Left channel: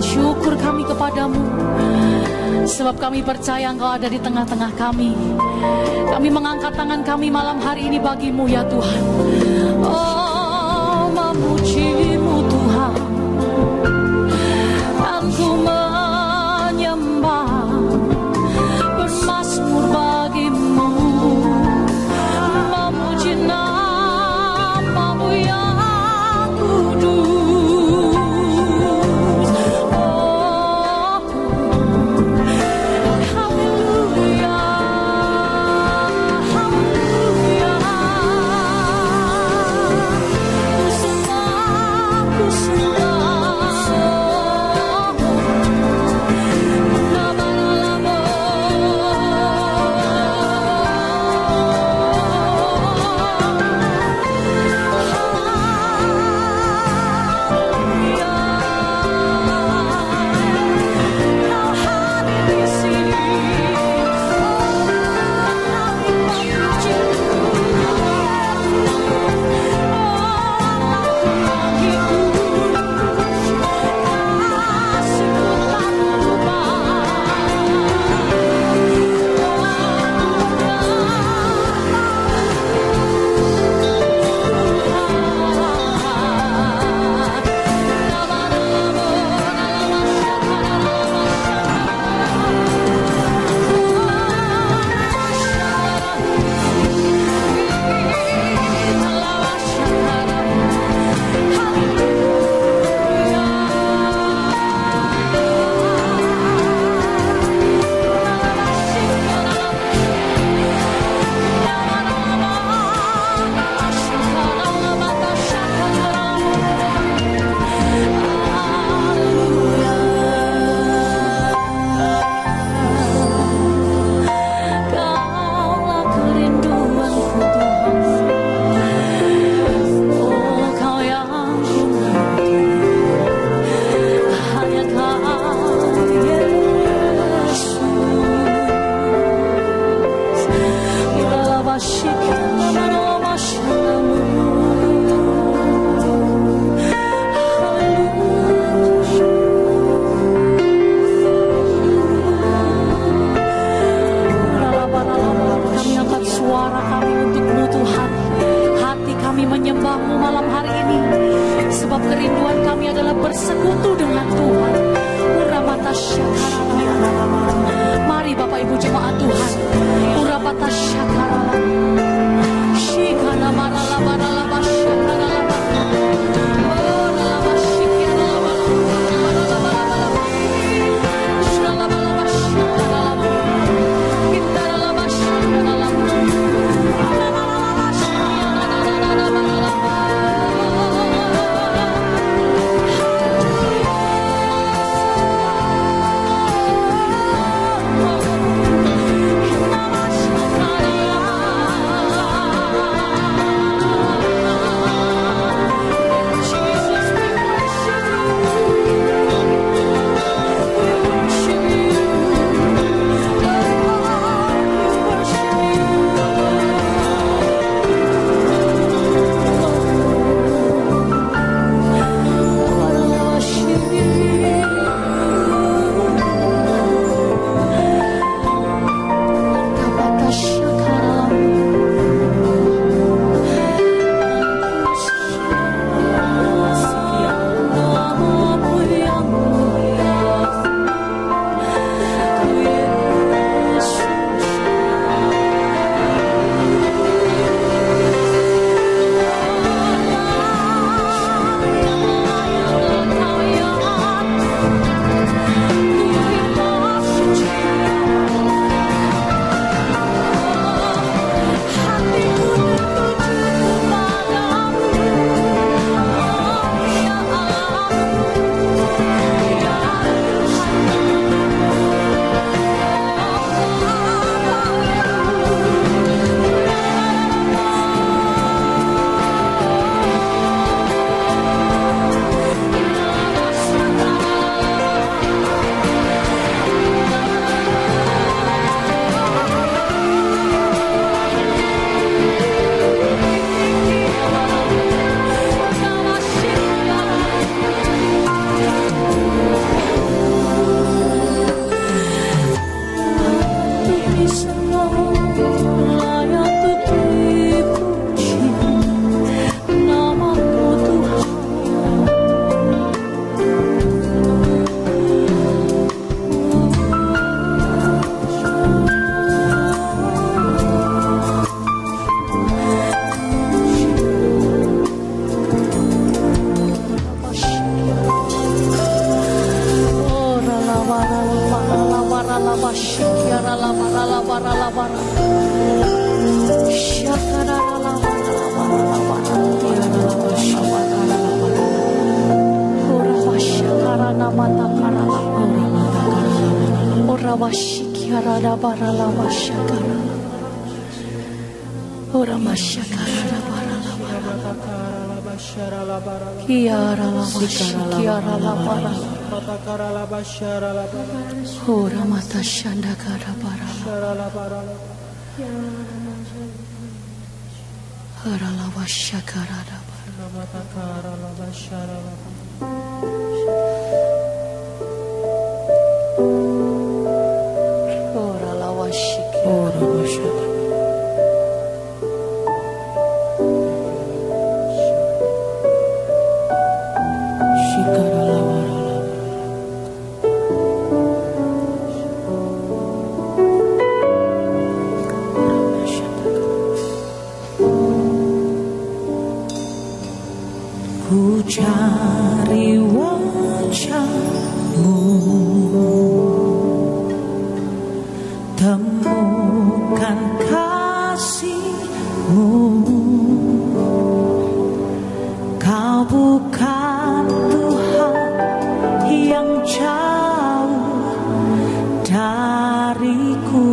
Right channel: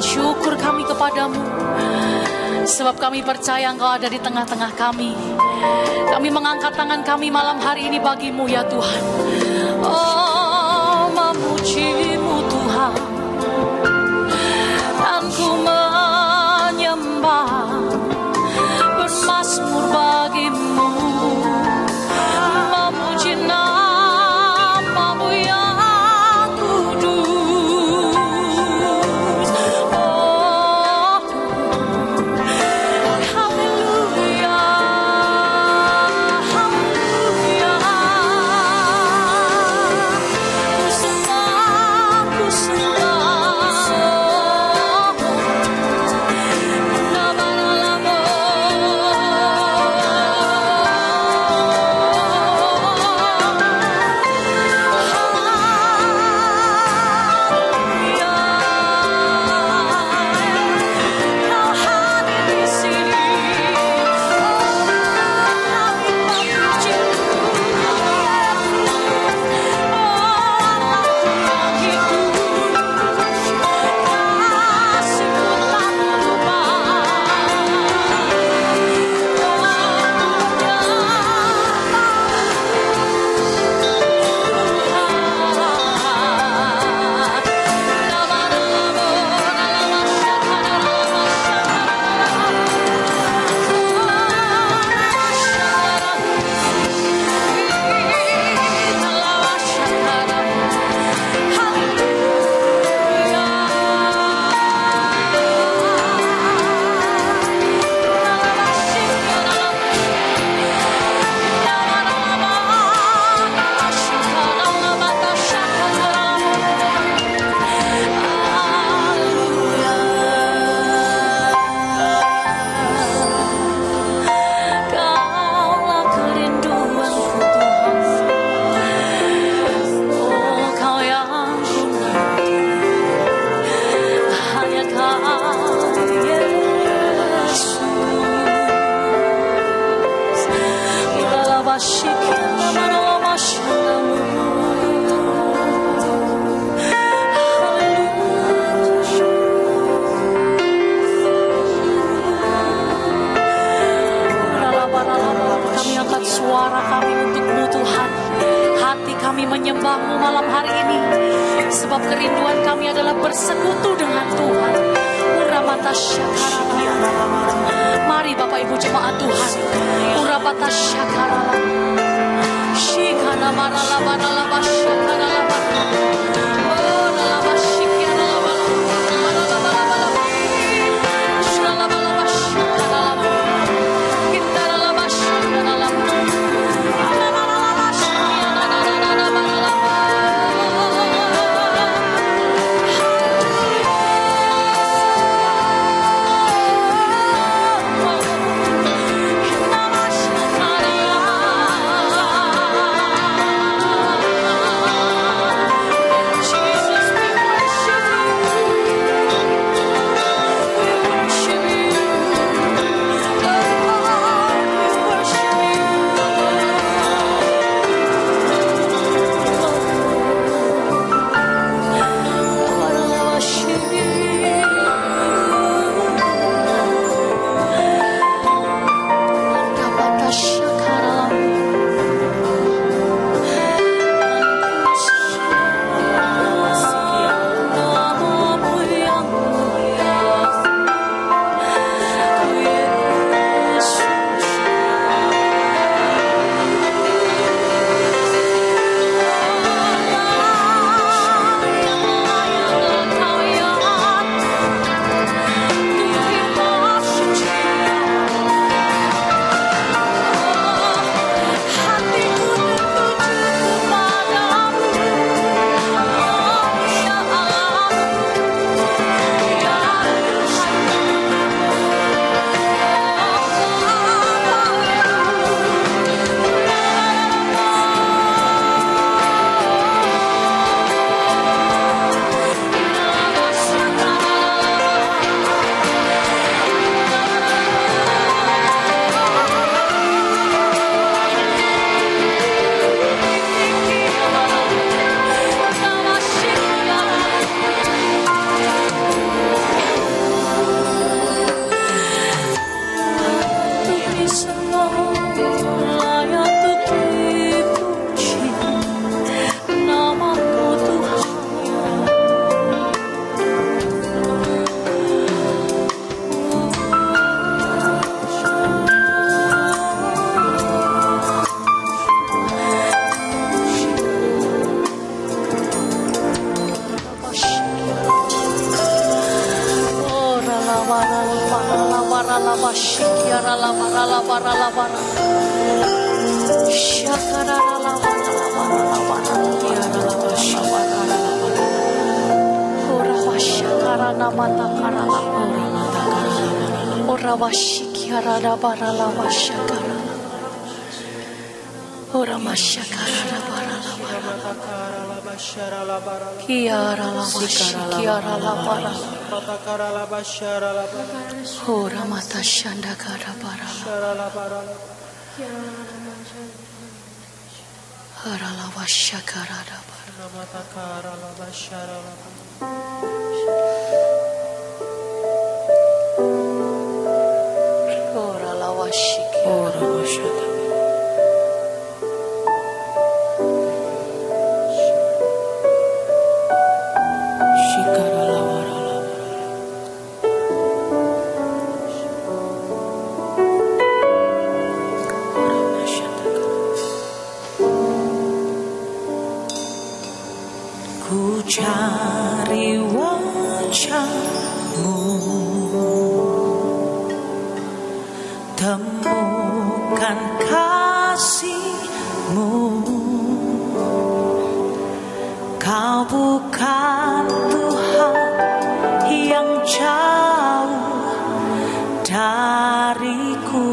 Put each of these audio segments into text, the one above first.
Syukur kami kepadamu, sebab kami percaya Engkau ada di tengah-tengah kami. Kami mengangkat tangan kami malam hari ini bagimu ya Tuhan. Oh, memujimu Tuhan, dan ku menyembah, bermazmur bagimu, memuji namamu yang kudus. Mari Bapak Ibu jemaat Tuhan, urabata syakara, shikana marala banala basyakana laba, oh laba shikiana laba, laba shalaba laba shakana laba, kita laba shakana laba, laba Ku cari wajah-Mu, temukan kasih-Mu. Kau bukan Tuhan yang jauh dariku.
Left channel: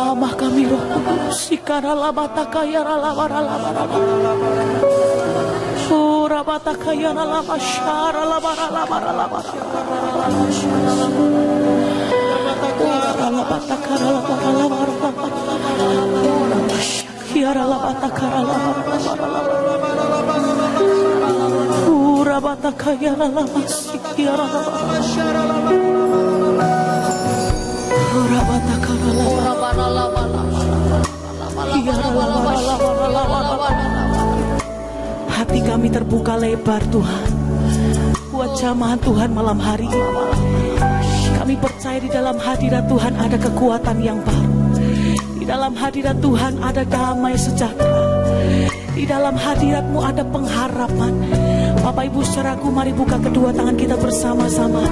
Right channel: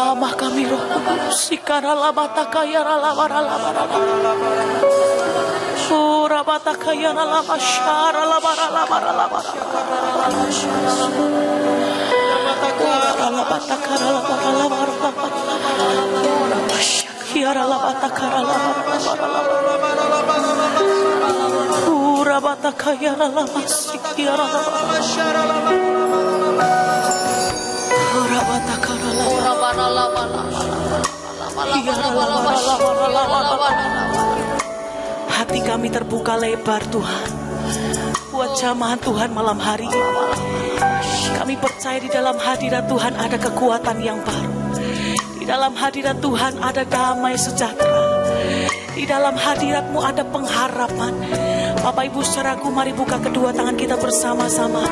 Jamah kami Roh Kudus, hati kami terbuka lebar Tuhan buat jamahan Tuhan malam hari ini. Kami percaya di dalam hadirat Tuhan ada kekuatan yang baru. Di dalam hadirat Tuhan ada damai sejahtera. Di dalam hadirat-Mu ada pengharapan. Bapak Ibu saudaraku, mari buka kedua tangan kita bersama-sama.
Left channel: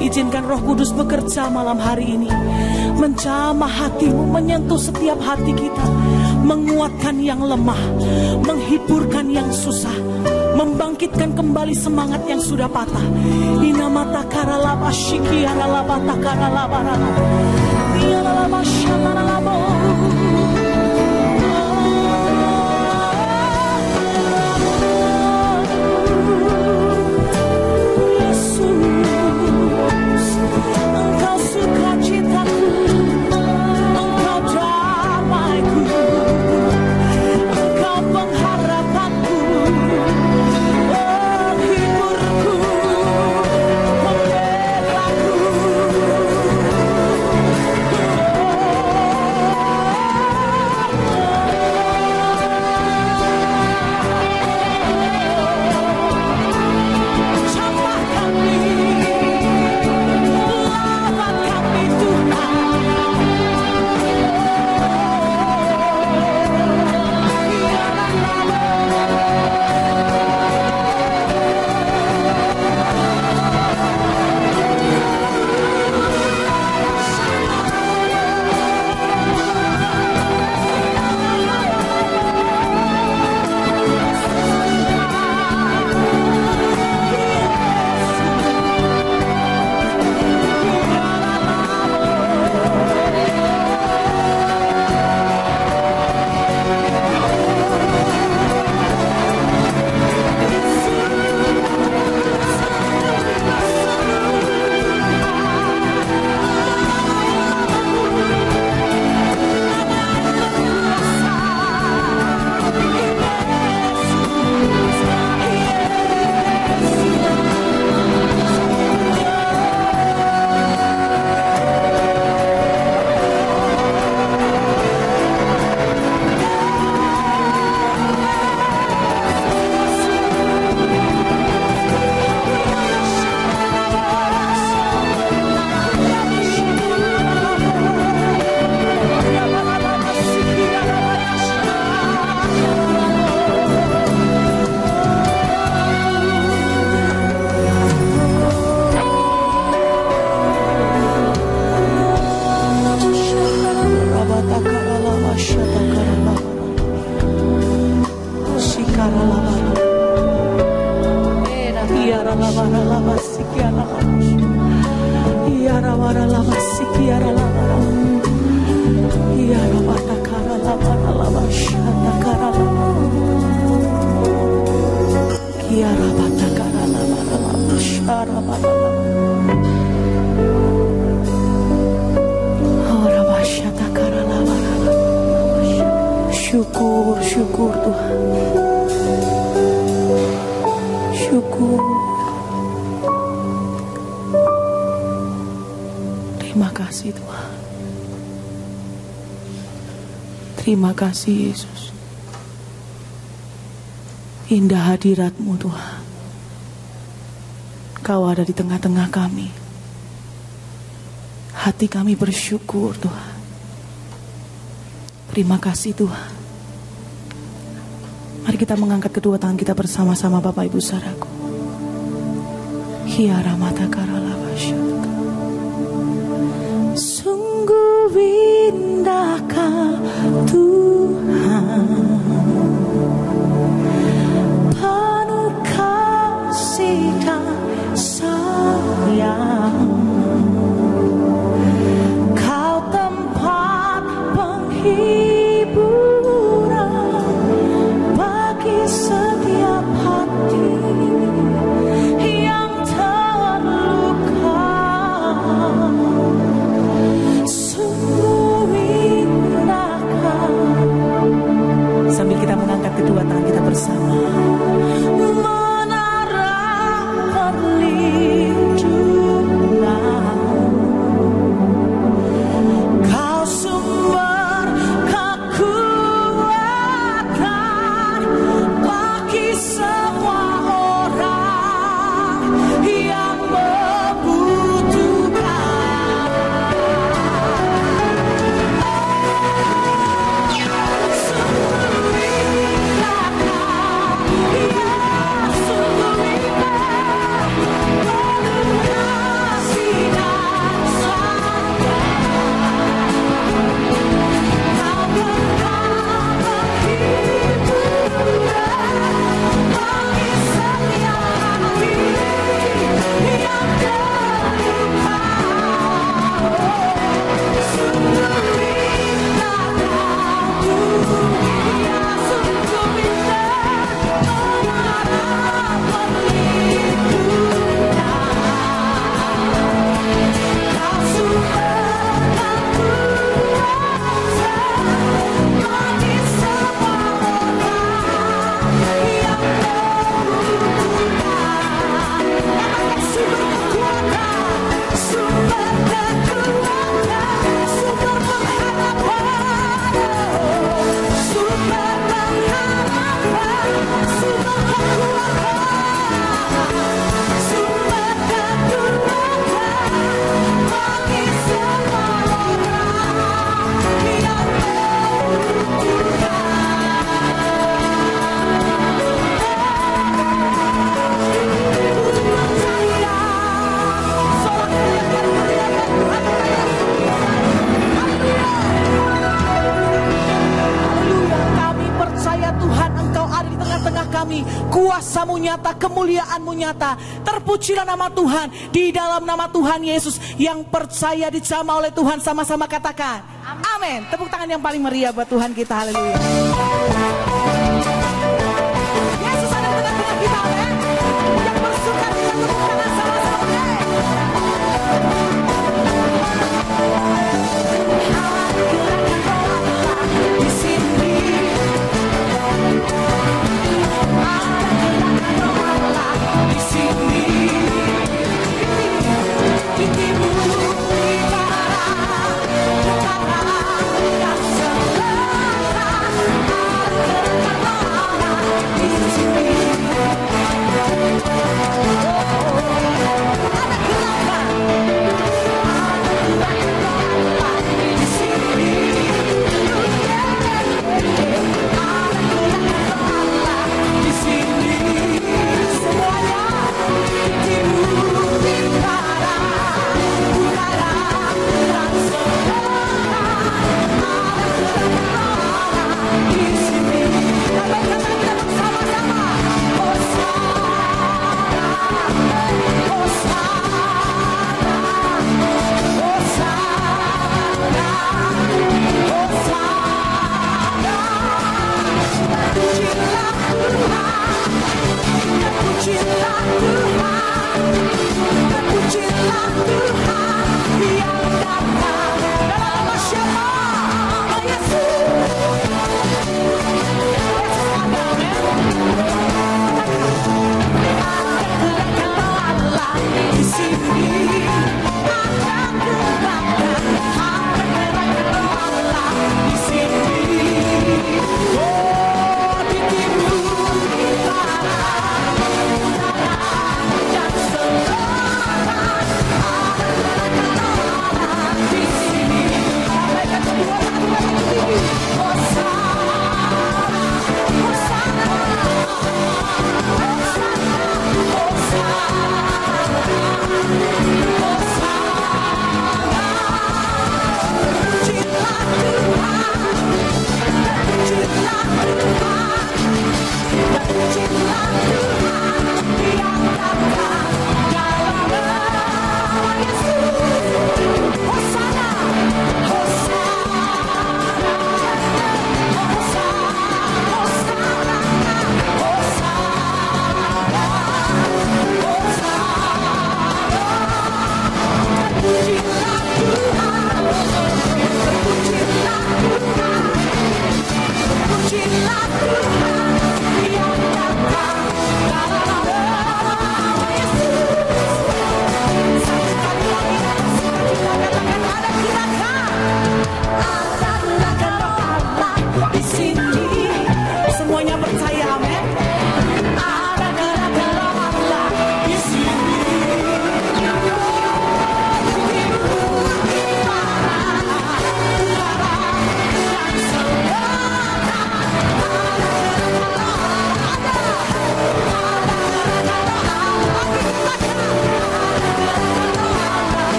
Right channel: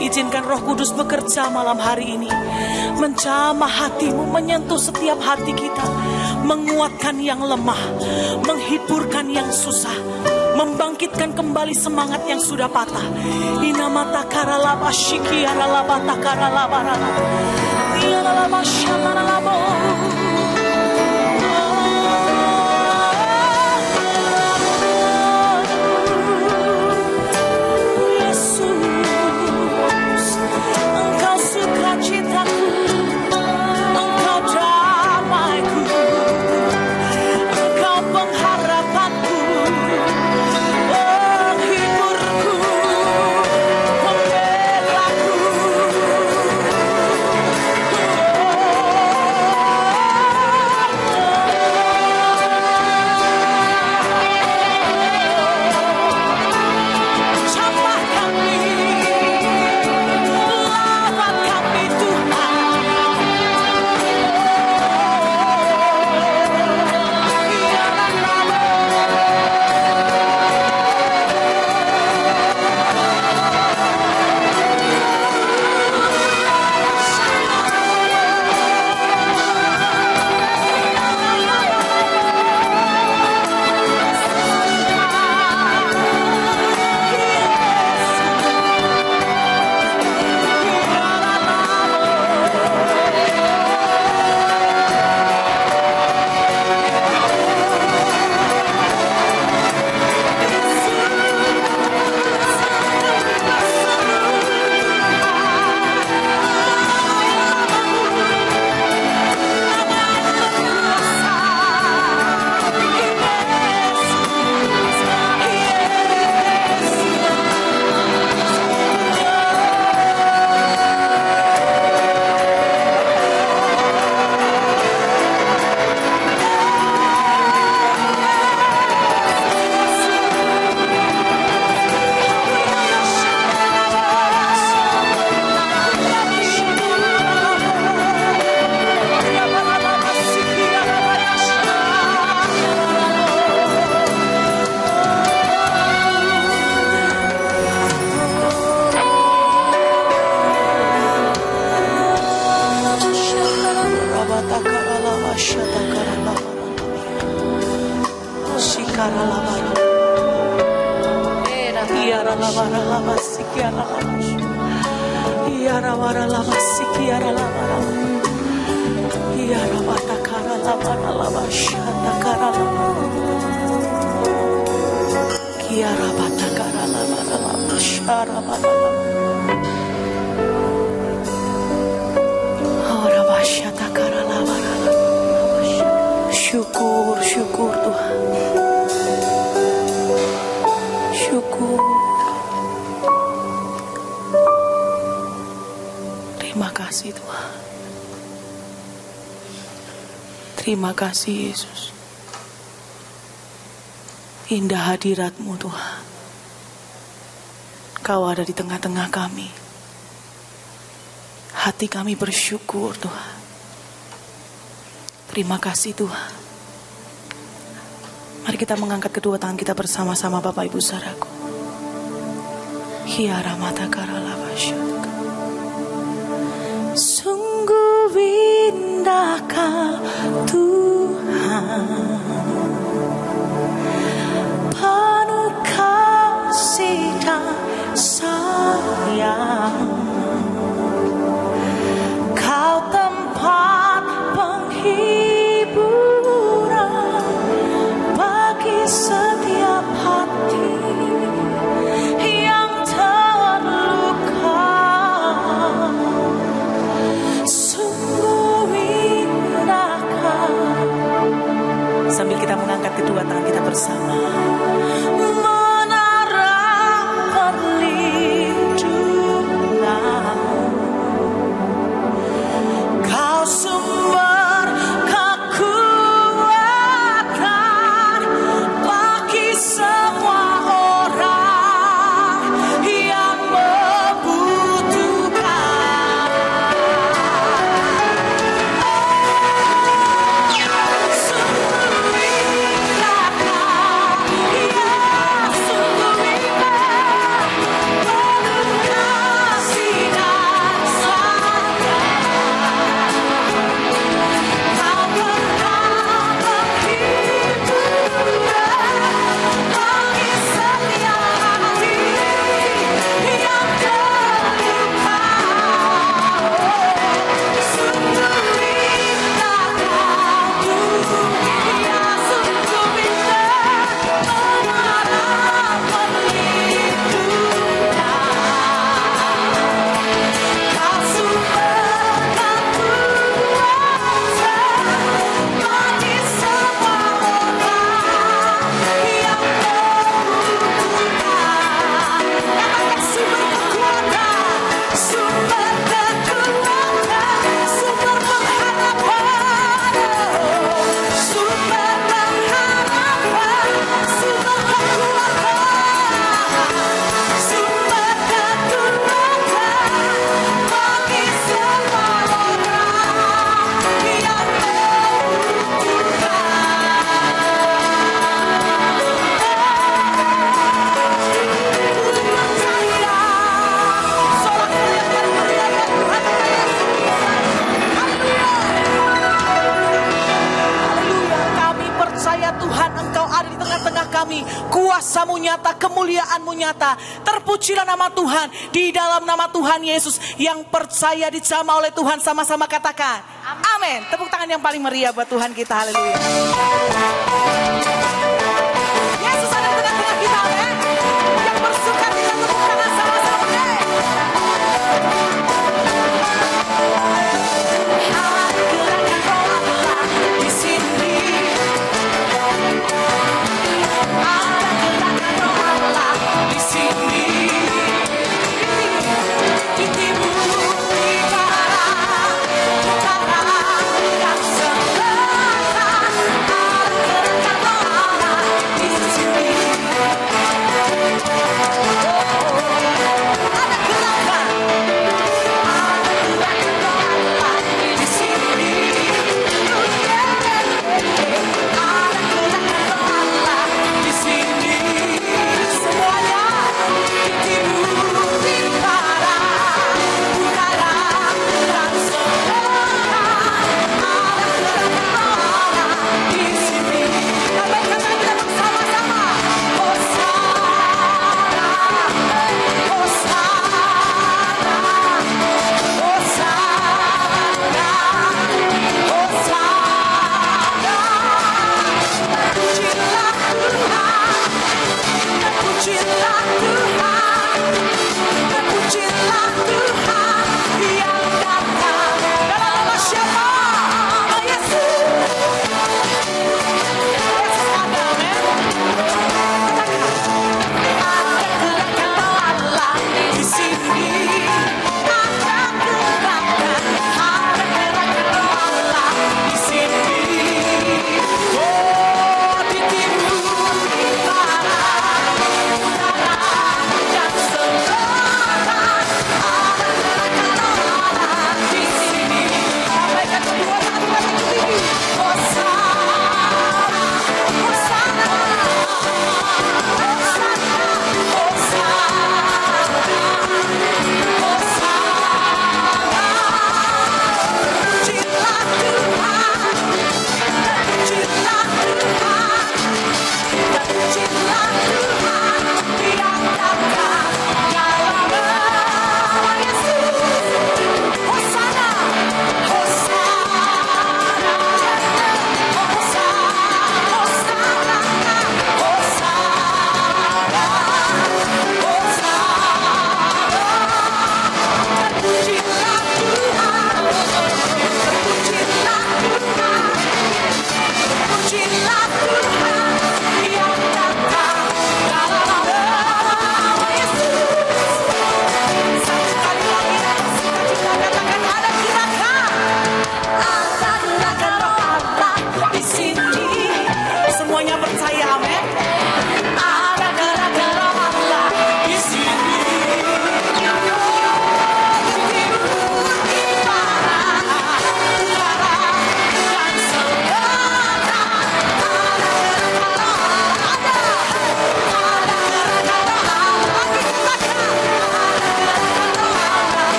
Izinkan Roh Kudus bekerja malam hari ini, menjamah hatimu, menyentuh setiap hati kita, menguatkan yang lemah, menghiburkan yang susah, membangkitkan kembali semangat yang sudah patah. Engkau sukacitaku, Engkau damaiku, Engkau pengharapanku, penghiburku, pembelaku. Syukur Tuhan. Syukur. Terima kasih Tuhan. Terima kasih Yesus. Indah hadirat-Mu Tuhan. Kau ada di tengah-tengah kami. Hati kami bersyukur Tuhan. Terima kasih Tuhan. Mari kita mengangkat kedua tangan kita bersama-sama Bapak Ibu Saudaraku. Hiara mata karala basyaka. Sungguh indahkah Tuhan, penuh kasih dan sayang. Kau tempat penghiburan bagi setiap hati yang terluka. Sungguh indahkah. Sambil kita mengangkat kedua tangan kita bersama. Menara perlindungan, Kau sumber kekuatan bagi semua orang yang membutuhkan. Sungguh indahkah, ya sungguh indah, penuh kasih dan sayang. Kau pernah penghiburan bagi setiap hati yang terluka. Sungguh indah Kau, ya sungguh indah, menara perlindungan. Kau sumber kekuatan bagi semua orang yang membutuhkan. Sumber kekuatan, sumber kekuatan, sumber pengharapan, sumber pengharapan, sumber kekuatan, sumber kekuatan bagi semua orang yang Kami percaya Tuhan Engkau ada di tengah-tengah kami. Kuasa-Mu nyata, kemuliaan-Mu nyata. Terpujilah nama Tuhan. Di dalam nama Tuhan Yesus, yang percaya dijamah oleh Tuhan, sama-sama katakan amin. Tepuk tangan yang paling meriah buat Tuhan kita. Haleluya. Yesus ada di tengah-tengah kita, amin. Yang bersuka kita tepuk tangan sama-sama. Di sini ada gerakan roh Allah, di sini di timur, di barat, utara dan selatan.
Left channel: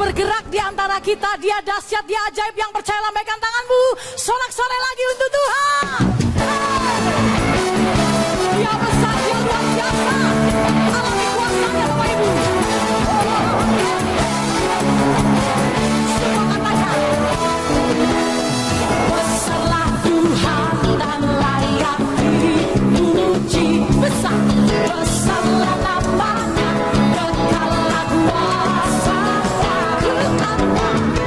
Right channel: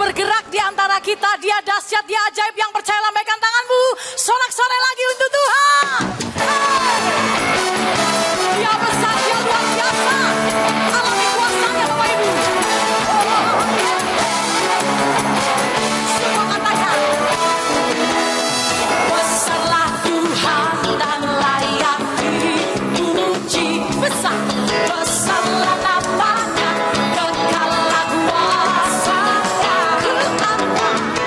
bergerak di antara kita. Dia dahsyat, dia ajaib, yang percaya lambaikan tanganmu. Sorak-sorai lagi untuk Tuhan. Dia besar, dia luar biasa. Alami kuasanya Bapak Ibu. Semua katakan. Besarlah Tuhan dan layak dipuji. Besar, besarlah namanya, kekalah kuasanya,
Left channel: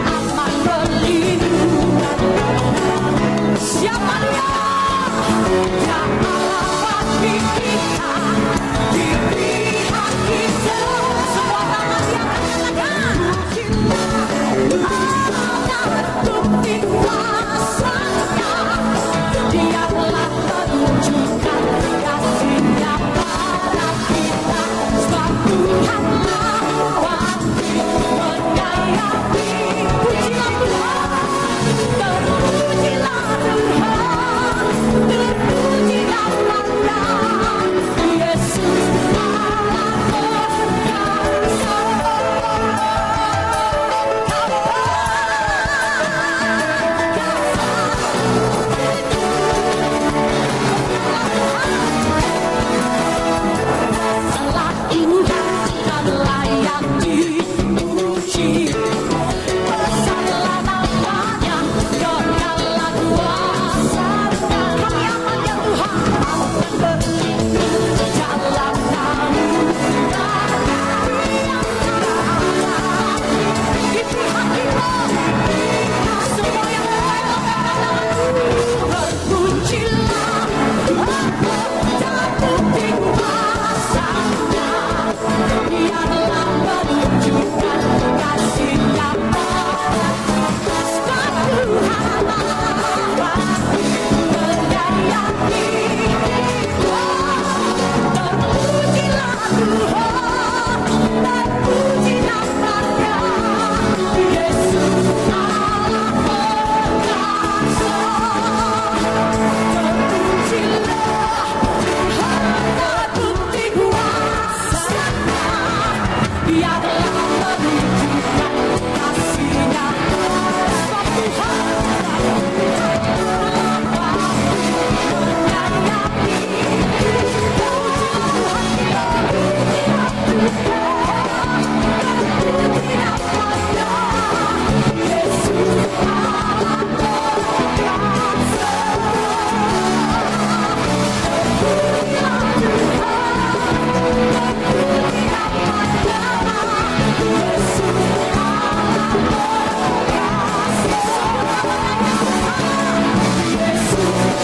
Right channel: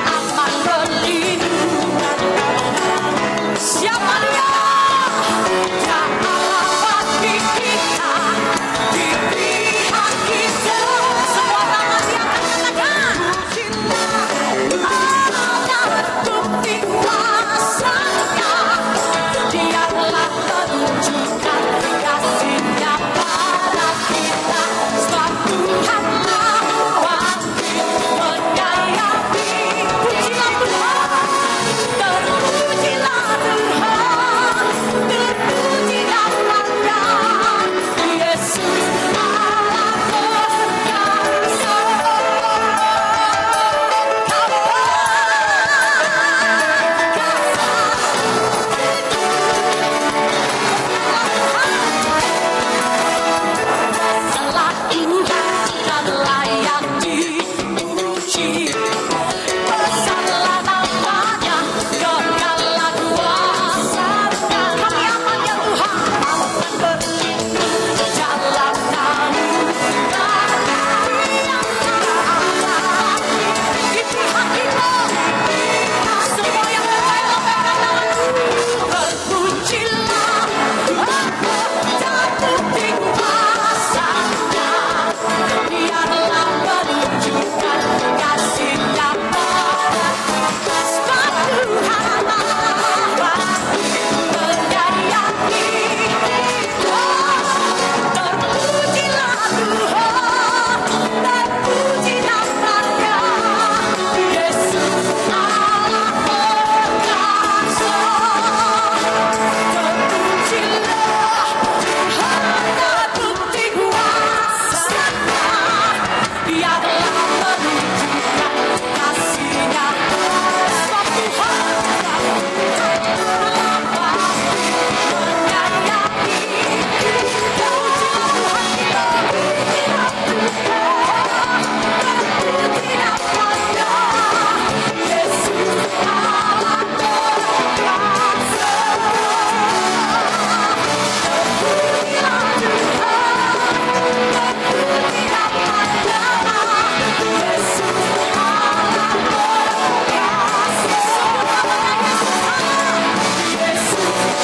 aman berlindung. Siapa dia? Dia Allah bagi kita, di pihak kita. Semua tangan yang katakan, Allah bukti kuasanya. Dia telah menunjukkan kasih-Nya pada kita. Sebab Tuhanlah wajib menyayangi. Pujilah Tuhan, terpujilah Tuhan, terpuji namanya. Yesus Allah berkuasa. Salah Tuhan dan layak dipuji. Besarlah namanya, kekalah kuasanya. Kami aman ya Tuhan, berjalan di pihak kita. Semua yang percaya lambaikan tanganmu. Berpujilah, bukti kuasanya. Dia telah menunjukkan kasih-Nya pada kita. Sebab Tuhanlah menyayangi kita. Terpujilah Tuhan, terpuji namanya. Yesus Allah berkuasa. Terpujilah bukti kuasanya. Dia telah menunjukkan kasih-Nya. Sebab Tuhanlah menyayangi kita. Terpuji namanya. Yesus Allah berkuasa. Terpujilah Tuhan, terpuji namanya. Yesus Allah berkuasa. Yesus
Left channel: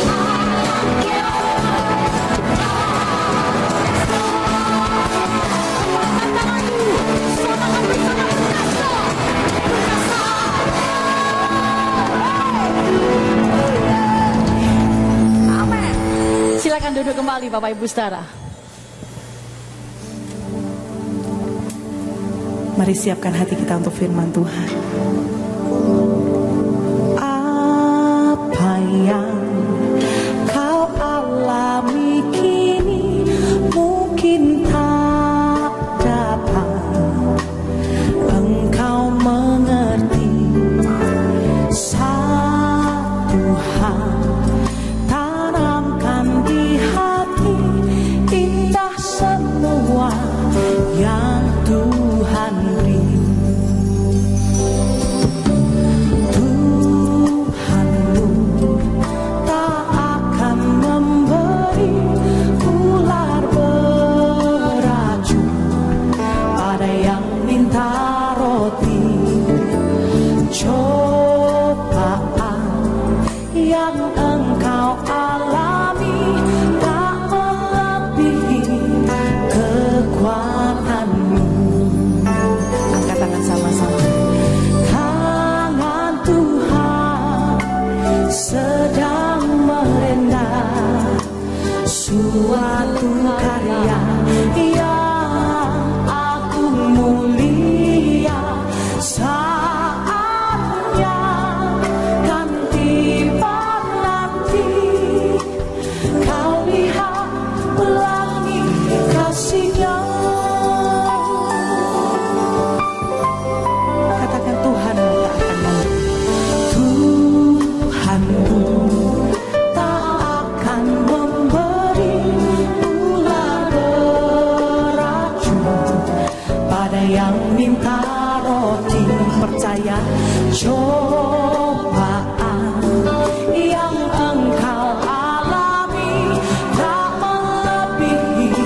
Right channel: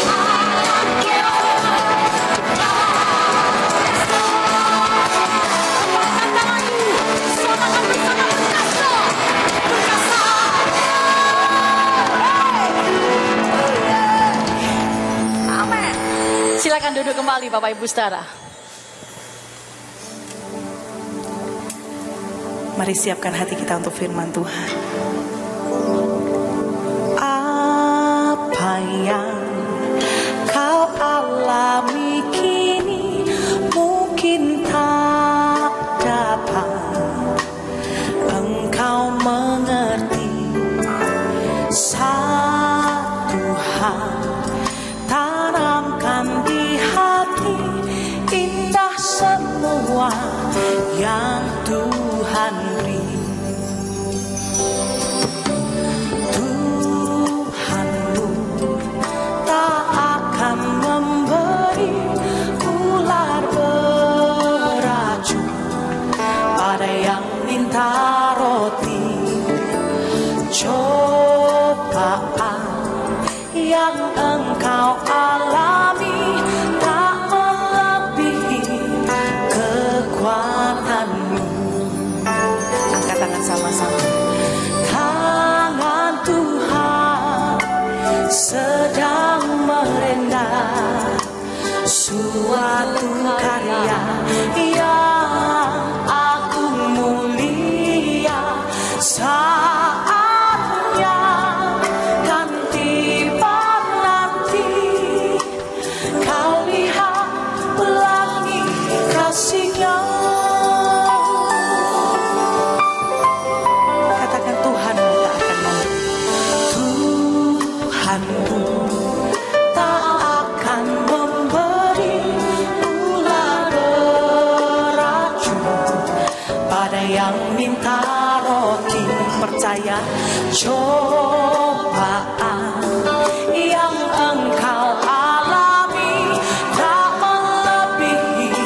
Amin. Silakan duduk kembali Bapak Ibu Saudara. Mari siapkan hati kita untuk firman Tuhan. Apa yang kau alami kini mungkin tak dapat engkau mengerti. Satu hal tanamkan di hati, indah semua yang Tuhan beri. Tuhanmu tak akan memberi ular beracun pada yang minta roti. Cobaan yang engkau alami tak melebihi kekuatanmu. Angkat tangan sama-sama. Tangan Tuhan sedang merendah suatu karya yang agung mulia. percaya cobaan yang engkau alami tak melebihi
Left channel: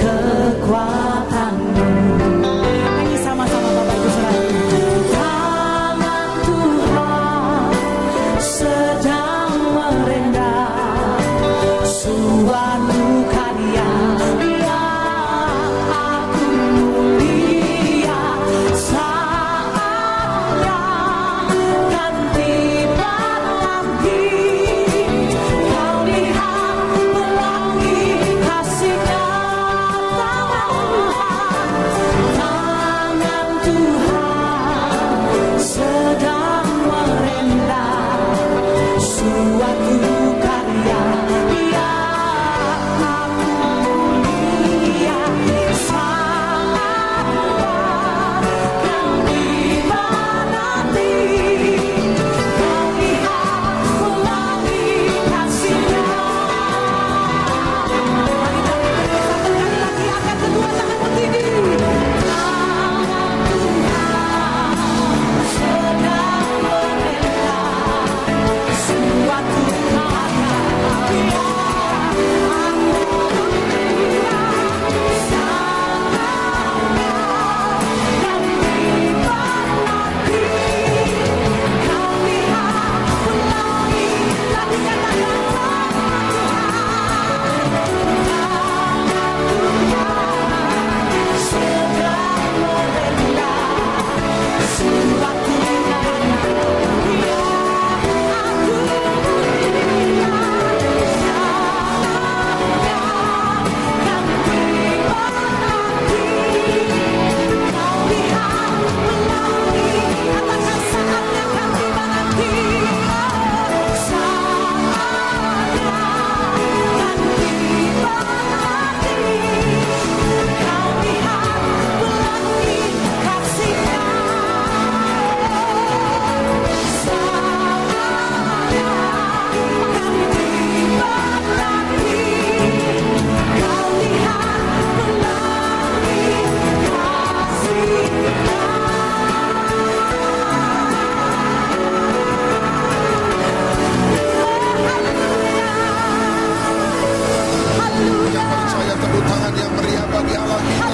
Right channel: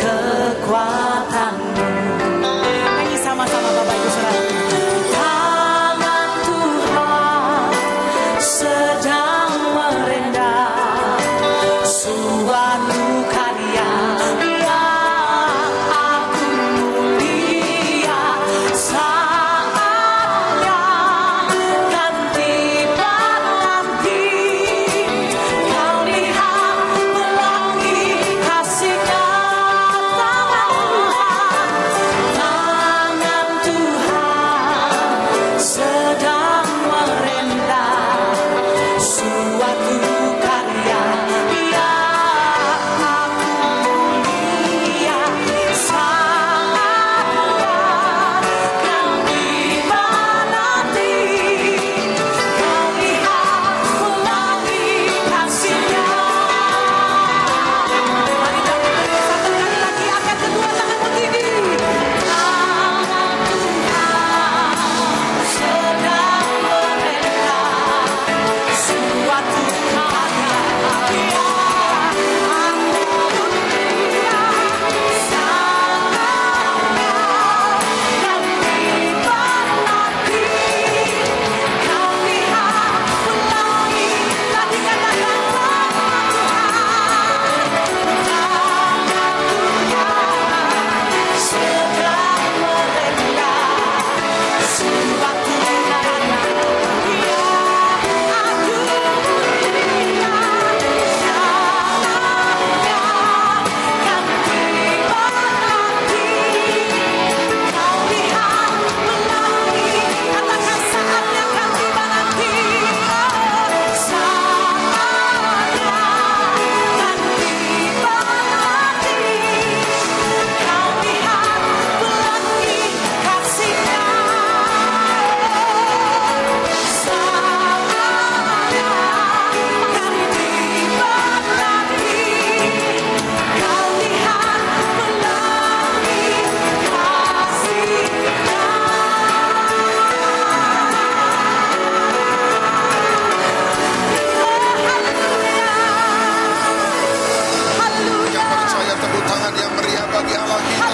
kekuatanmu. Ini sama-sama Bapak Ibu Saudara. Tangan Tuhan sedang merendah suatu karya yang agung mulia. Saatnya kan tiba nanti kau lihat pelangi kasih-Nya. Tangan Tuhan sedang merendah suatu karya yang agung mulia. Saatnya kan tiba nanti kau lihat pelangi kasih-Nya. Mari kita satu kali lagi angkat kedua tanganmu tinggi. Tangan Tuhan sedang merendah suatu karya yang agung mulia. Saatnya kan tiba nanti kau lihat pelangi. Tadi katakan tangan Tuhan sedang merendah suatu karya Percaya tepuk tangan yang meriah bagi Allah kita.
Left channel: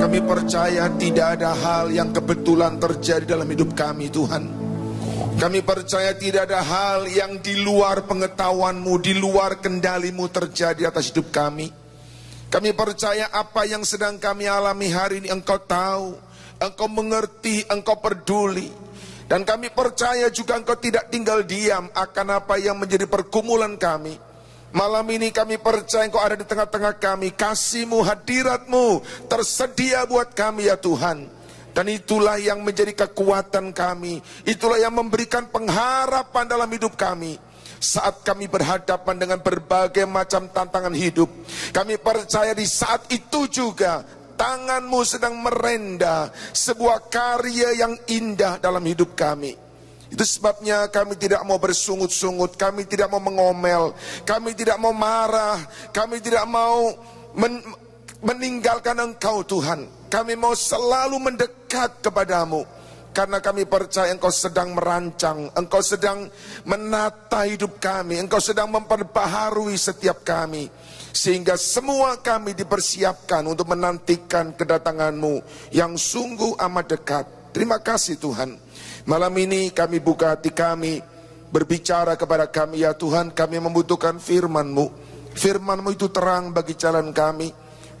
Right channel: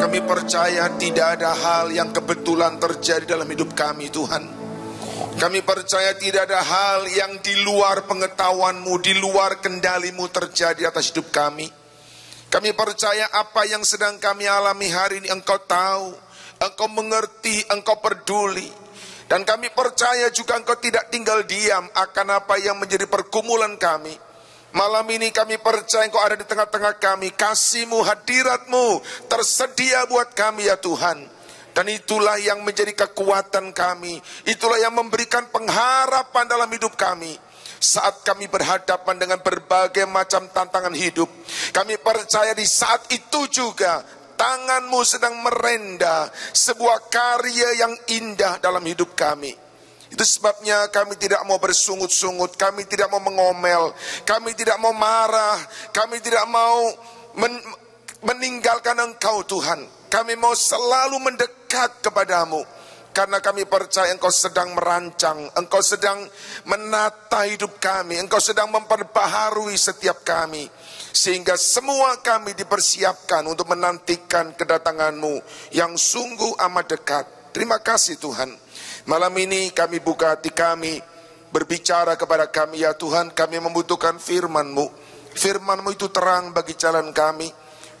Kami percaya tidak ada hal yang kebetulan terjadi dalam hidup kami, Tuhan. Kami percaya tidak ada hal yang di luar pengetahuan-Mu, di luar kendali-Mu terjadi atas hidup kami. Kami percaya apa yang sedang kami alami hari ini Engkau tahu, Engkau mengerti, Engkau peduli. Dan kami percaya juga Engkau tidak tinggal diam akan apa yang menjadi pergumulan kami. Malam ini kami percaya Engkau ada di tengah-tengah kami. Kasih-Mu, hadirat-Mu tersedia buat kami ya Tuhan. Dan itulah yang menjadi kekuatan kami. Itulah yang memberikan pengharapan dalam hidup kami. Saat kami berhadapan dengan berbagai macam tantangan hidup, kami percaya di saat itu juga tangan-Mu sedang merendah sebuah karya yang indah dalam hidup kami. Itu sebabnya kami tidak mau bersungut-sungut, kami tidak mau mengomel, kami tidak mau marah, kami tidak mau meninggalkan Engkau Tuhan. Kami mau selalu mendekat kepadamu. Karena kami percaya Engkau sedang merancang, Engkau sedang menata hidup kami, Engkau sedang memperbaharui setiap kami. Sehingga semua kami dipersiapkan untuk menantikan kedatangan-Mu yang sungguh amat dekat. Terima kasih Tuhan. Malam ini kami buka hati kami, berbicara kepada kami ya Tuhan. Kami membutuhkan firman-Mu. Firman-Mu itu terang bagi jalan kami.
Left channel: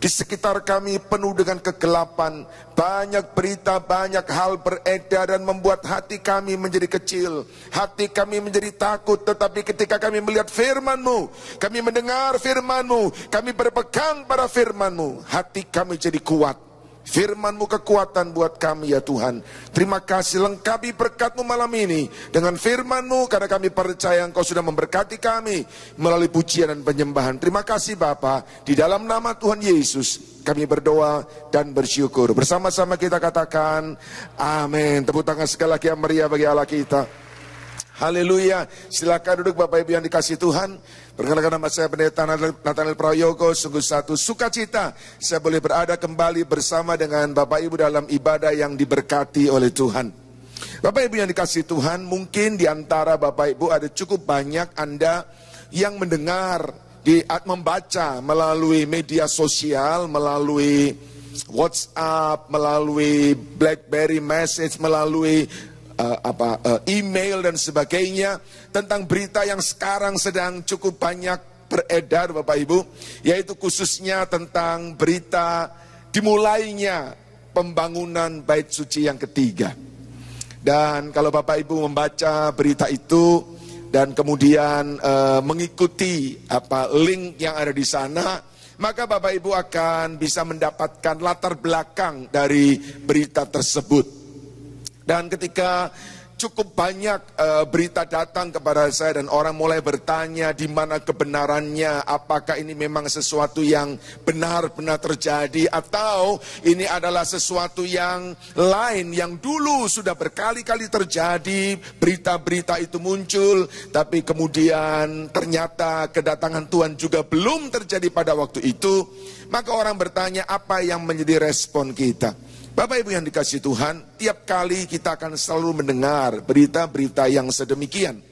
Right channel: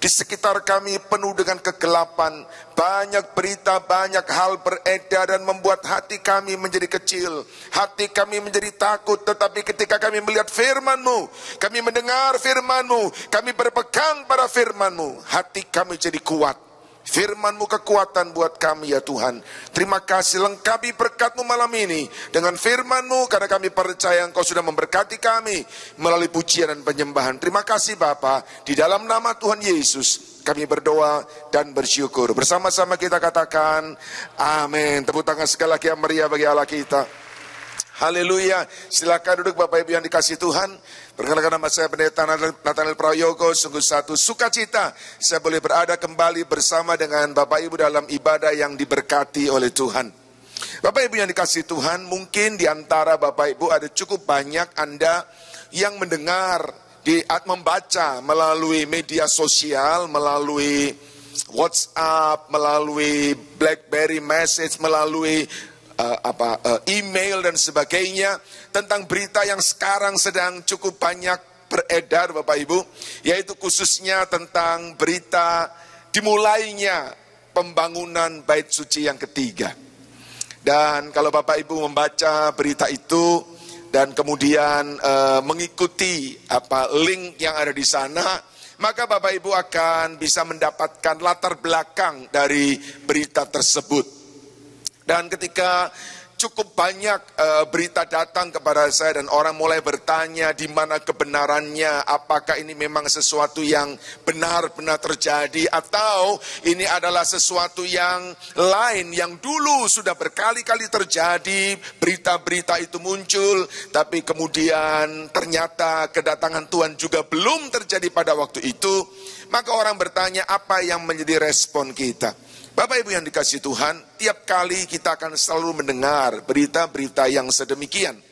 Di sekitar kami penuh dengan kegelapan. Banyak berita, banyak hal beredar dan membuat hati kami menjadi kecil. Hati kami menjadi takut. Tetapi ketika kami melihat firman-Mu, kami mendengar firman-Mu, kami berpegang pada firman-Mu, hati kami jadi kuat. Firman-Mu kekuatan buat kami ya Tuhan. Terima kasih, lengkapi berkat-Mu malam ini dengan firman-Mu, karena kami percaya Engkau sudah memberkati kami melalui pujian dan penyembahan. Terima kasih Bapa, di dalam nama Tuhan Yesus kami berdoa dan bersyukur. Bersama-sama kita katakan amin. Tepuk tangan sekali lagi yang meriah bagi Allah kita. Haleluya. Silakan duduk Bapak Ibu yang dikasih Tuhan. Perkenalkan nama saya Pendeta Nathanael Prayogo. Sungguh satu sukacita saya boleh berada kembali bersama dengan Bapak Ibu dalam ibadah yang diberkati oleh Tuhan. Bapak Ibu yang dikasihi Tuhan, mungkin di antara Bapak Ibu ada cukup banyak Anda yang mendengar, membaca melalui media sosial, melalui WhatsApp, melalui BlackBerry message, melalui email dan sebagainya tentang berita yang sekarang sedang cukup banyak beredar Bapak Ibu, yaitu khususnya tentang berita dimulainya pembangunan Bait Suci yang ketiga. Dan kalau Bapak Ibu membaca berita itu dan kemudian mengikuti link yang ada di sana, maka Bapak Ibu akan bisa mendapatkan latar belakang dari berita tersebut. Dan ketika cukup banyak berita datang kepada saya dan orang mulai bertanya di mana kebenarannya, apakah ini memang sesuatu yang benar-benar terjadi atau ini adalah sesuatu yang lain yang dulu sudah berkali-kali terjadi, berita-berita itu muncul, tapi kemudian ternyata kedatangan Tuhan juga belum terjadi pada waktu itu. Maka orang bertanya apa yang menjadi respon kita. Bapak Ibu yang dikasihi Tuhan, tiap kali kita akan selalu mendengar berita-berita yang sedemikian.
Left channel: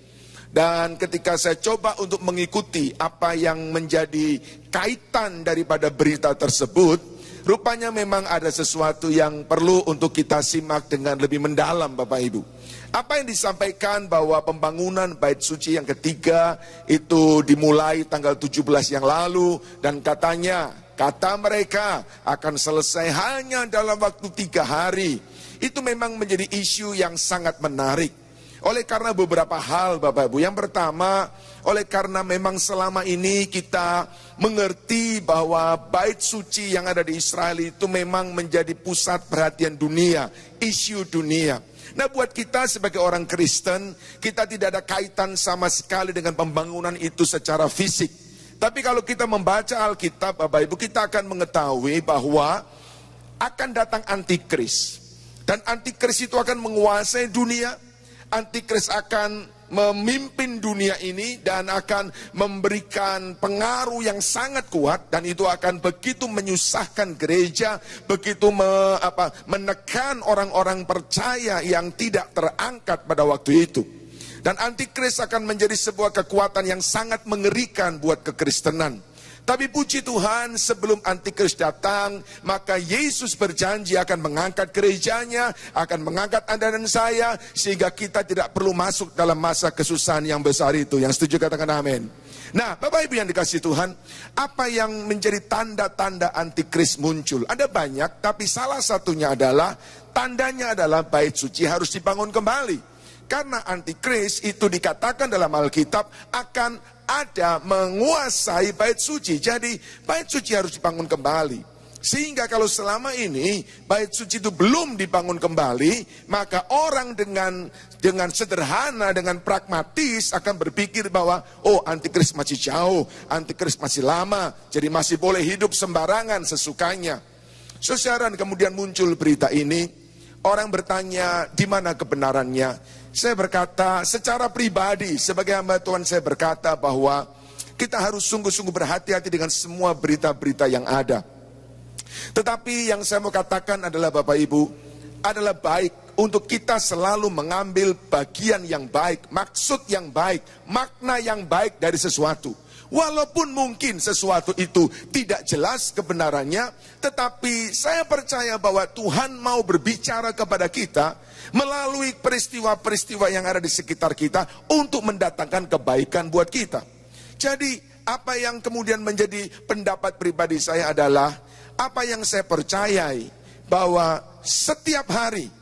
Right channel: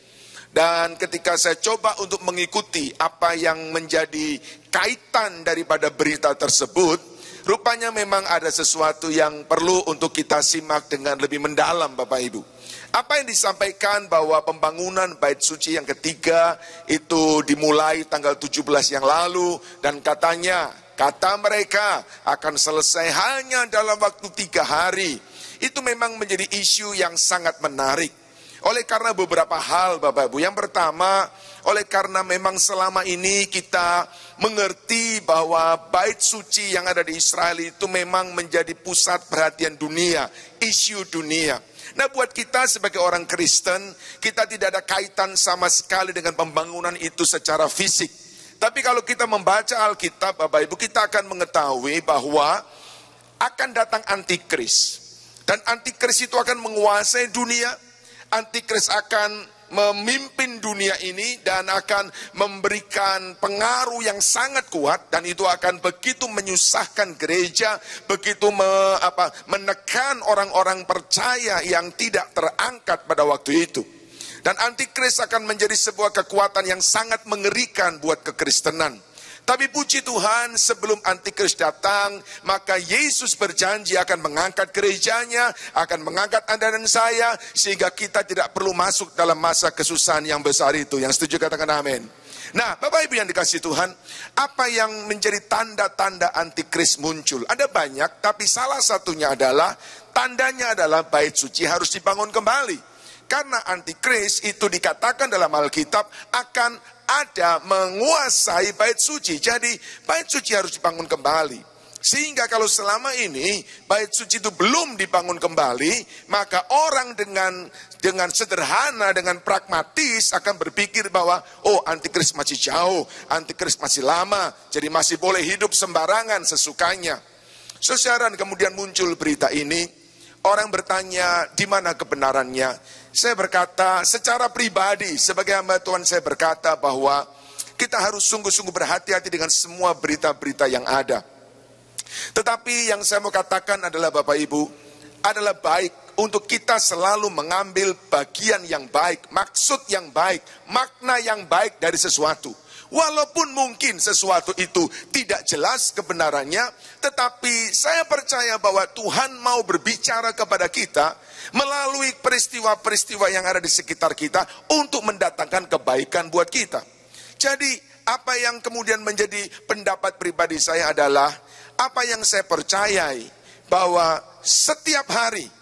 Dan ketika saya coba untuk mengikuti apa yang menjadi kaitan daripada berita tersebut, rupanya memang ada sesuatu yang perlu untuk kita simak dengan lebih mendalam Bapak Ibu. Apa yang disampaikan bahwa pembangunan Bait Suci yang ketiga itu dimulai tanggal 17 yang lalu dan kata mereka akan selesai hanya dalam waktu 3 hari. Itu memang menjadi isu yang sangat menarik. Oleh karena beberapa hal Bapak Ibu. Yang pertama, oleh karena memang selama ini kita mengerti bahwa Bait Suci yang ada di Israel itu memang menjadi pusat perhatian dunia, isu dunia. Nah, buat kita sebagai orang Kristen, kita tidak ada kaitan sama sekali dengan pembangunan itu secara fisik. Tapi kalau kita membaca Alkitab, Bapak Ibu, kita akan mengetahui bahwa akan datang antikris. Dan antikris itu akan menguasai dunia. Antikris akan memimpin dunia ini dan akan memberikan pengaruh yang sangat kuat. Dan itu akan begitu menyusahkan gereja, begitu menekan orang-orang percaya yang tidak terangkat pada waktu itu. Dan antikris akan menjadi sebuah kekuatan yang sangat mengerikan buat kekristenan. Tapi puji Tuhan, sebelum antikris datang, maka Yesus berjanji akan mengangkat gerejanya, akan mengangkat Anda dan saya, sehingga kita tidak perlu masuk dalam masa kesusahan yang besar itu. Yang setuju katakan amin. Nah, Bapak Ibu yang dikasihi Tuhan, apa yang menjadi tanda-tanda antikris muncul? Ada banyak, tapi salah satunya adalah, tandanya adalah Bait Suci harus dibangun kembali. Karena antikris itu dikatakan dalam Alkitab akan ada menguasai Bait Suci. Jadi Bait Suci harus dibangun kembali. Sehingga kalau selama ini Bait Suci itu belum dibangun kembali, maka orang dengan sederhana, dengan pragmatis akan berpikir bahwa antikris masih jauh, antikris masih lama, jadi masih boleh hidup sembarangan sesukanya. Saudara, kemudian muncul berita ini, orang bertanya di mana kebenarannya. Saya berkata secara pribadi sebagai hamba Tuhan, saya berkata bahwa kita harus sungguh-sungguh berhati-hati dengan semua berita-berita yang ada. Tetapi yang saya mau katakan adalah Bapak Ibu, adalah baik untuk kita selalu mengambil bagian yang baik, maksud yang baik, makna yang baik dari sesuatu. Walaupun mungkin sesuatu itu tidak jelas kebenarannya, tetapi saya percaya bahwa Tuhan mau berbicara kepada kita melalui peristiwa-peristiwa yang ada di sekitar kita untuk mendatangkan kebaikan buat kita. Jadi apa yang kemudian menjadi pendapat pribadi saya adalah, apa yang saya percayai bahwa setiap hari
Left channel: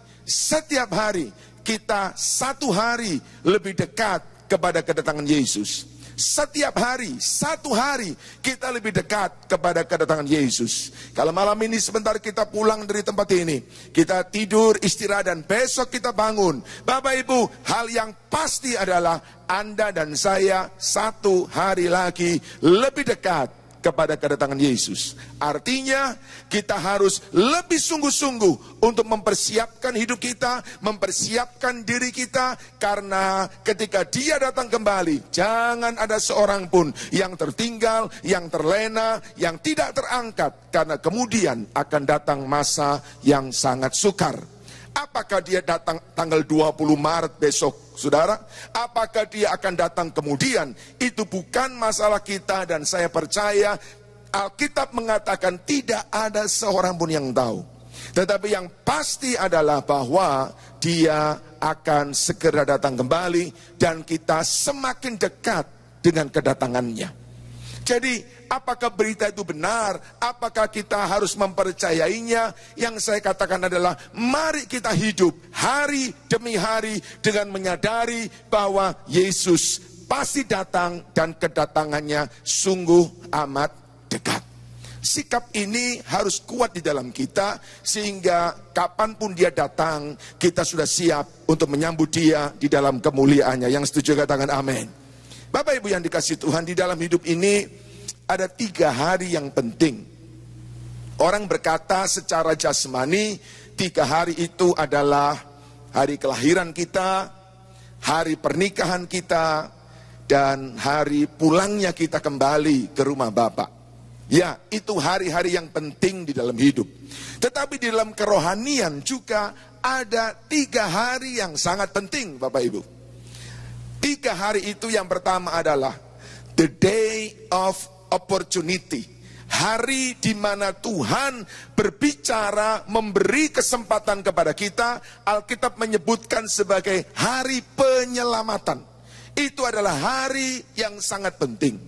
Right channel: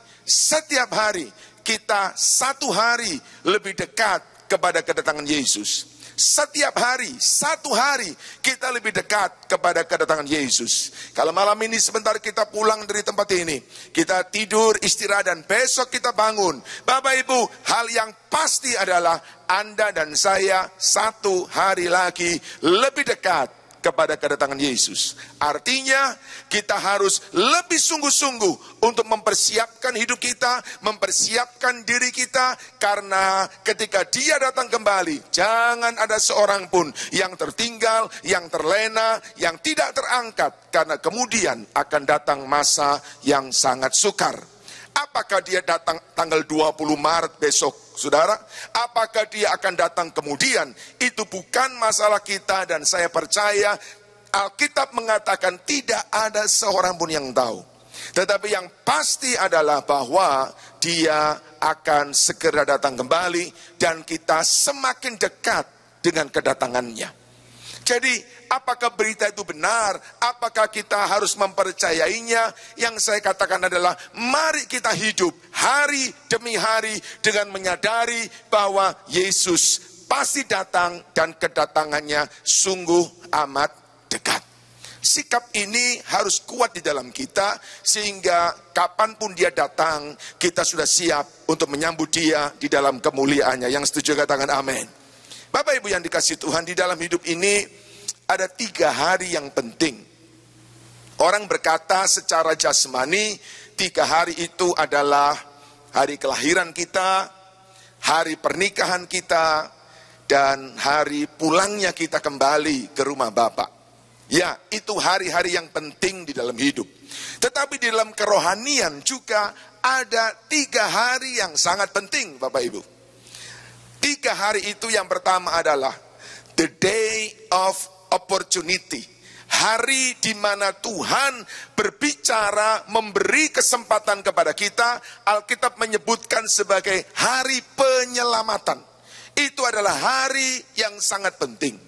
kita 1 hari lebih dekat kepada kedatangan Yesus. Setiap hari, 1 hari kita lebih dekat kepada kedatangan Yesus. Kalau malam ini sebentar kita pulang dari tempat ini, kita tidur, istirahat, dan besok kita bangun. Bapak Ibu, hal yang pasti adalah Anda dan saya 1 hari lagi lebih dekat kepada kedatangan Yesus. Artinya kita harus lebih sungguh-sungguh untuk mempersiapkan hidup kita, mempersiapkan diri kita, karena ketika Dia datang kembali, jangan ada seorang pun yang tertinggal, yang terlena, yang tidak terangkat, karena kemudian akan datang masa yang sangat sukar. Apakah Dia datang tanggal 20 Maret besok, saudara? Apakah Dia akan datang kemudian? Itu bukan masalah kita, dan saya percaya Alkitab mengatakan tidak ada seorang pun yang tahu. Tetapi yang pasti adalah bahwa Dia akan segera datang kembali, dan kita semakin dekat dengan kedatangannya. Jadi apakah berita itu benar? Apakah kita harus mempercayainya? Yang saya katakan adalah, mari kita hidup hari demi hari dengan menyadari bahwa Yesus pasti datang dan kedatangannya sungguh amat dekat. Sikap ini harus kuat di dalam kita, sehingga kapanpun Dia datang, kita sudah siap untuk menyambut Dia di dalam kemuliaannya. Yang setuju katakan amin. Bapak Ibu yang dikasihi Tuhan, di dalam hidup ini ada 3 hari yang penting. Orang berkata secara jasmani, 3 hari itu adalah hari kelahiran kita, hari pernikahan kita, dan hari pulangnya kita kembali ke rumah Bapa. Ya, itu hari-hari yang penting di dalam hidup. Tetapi di dalam kerohanian juga ada 3 hari yang sangat penting, Bapak Ibu. 3 hari itu, yang pertama adalah the day of opportunity. Hari di mana Tuhan berbicara, memberi kesempatan kepada kita. Alkitab menyebutkan sebagai hari penyelamatan. Itu adalah hari yang sangat penting.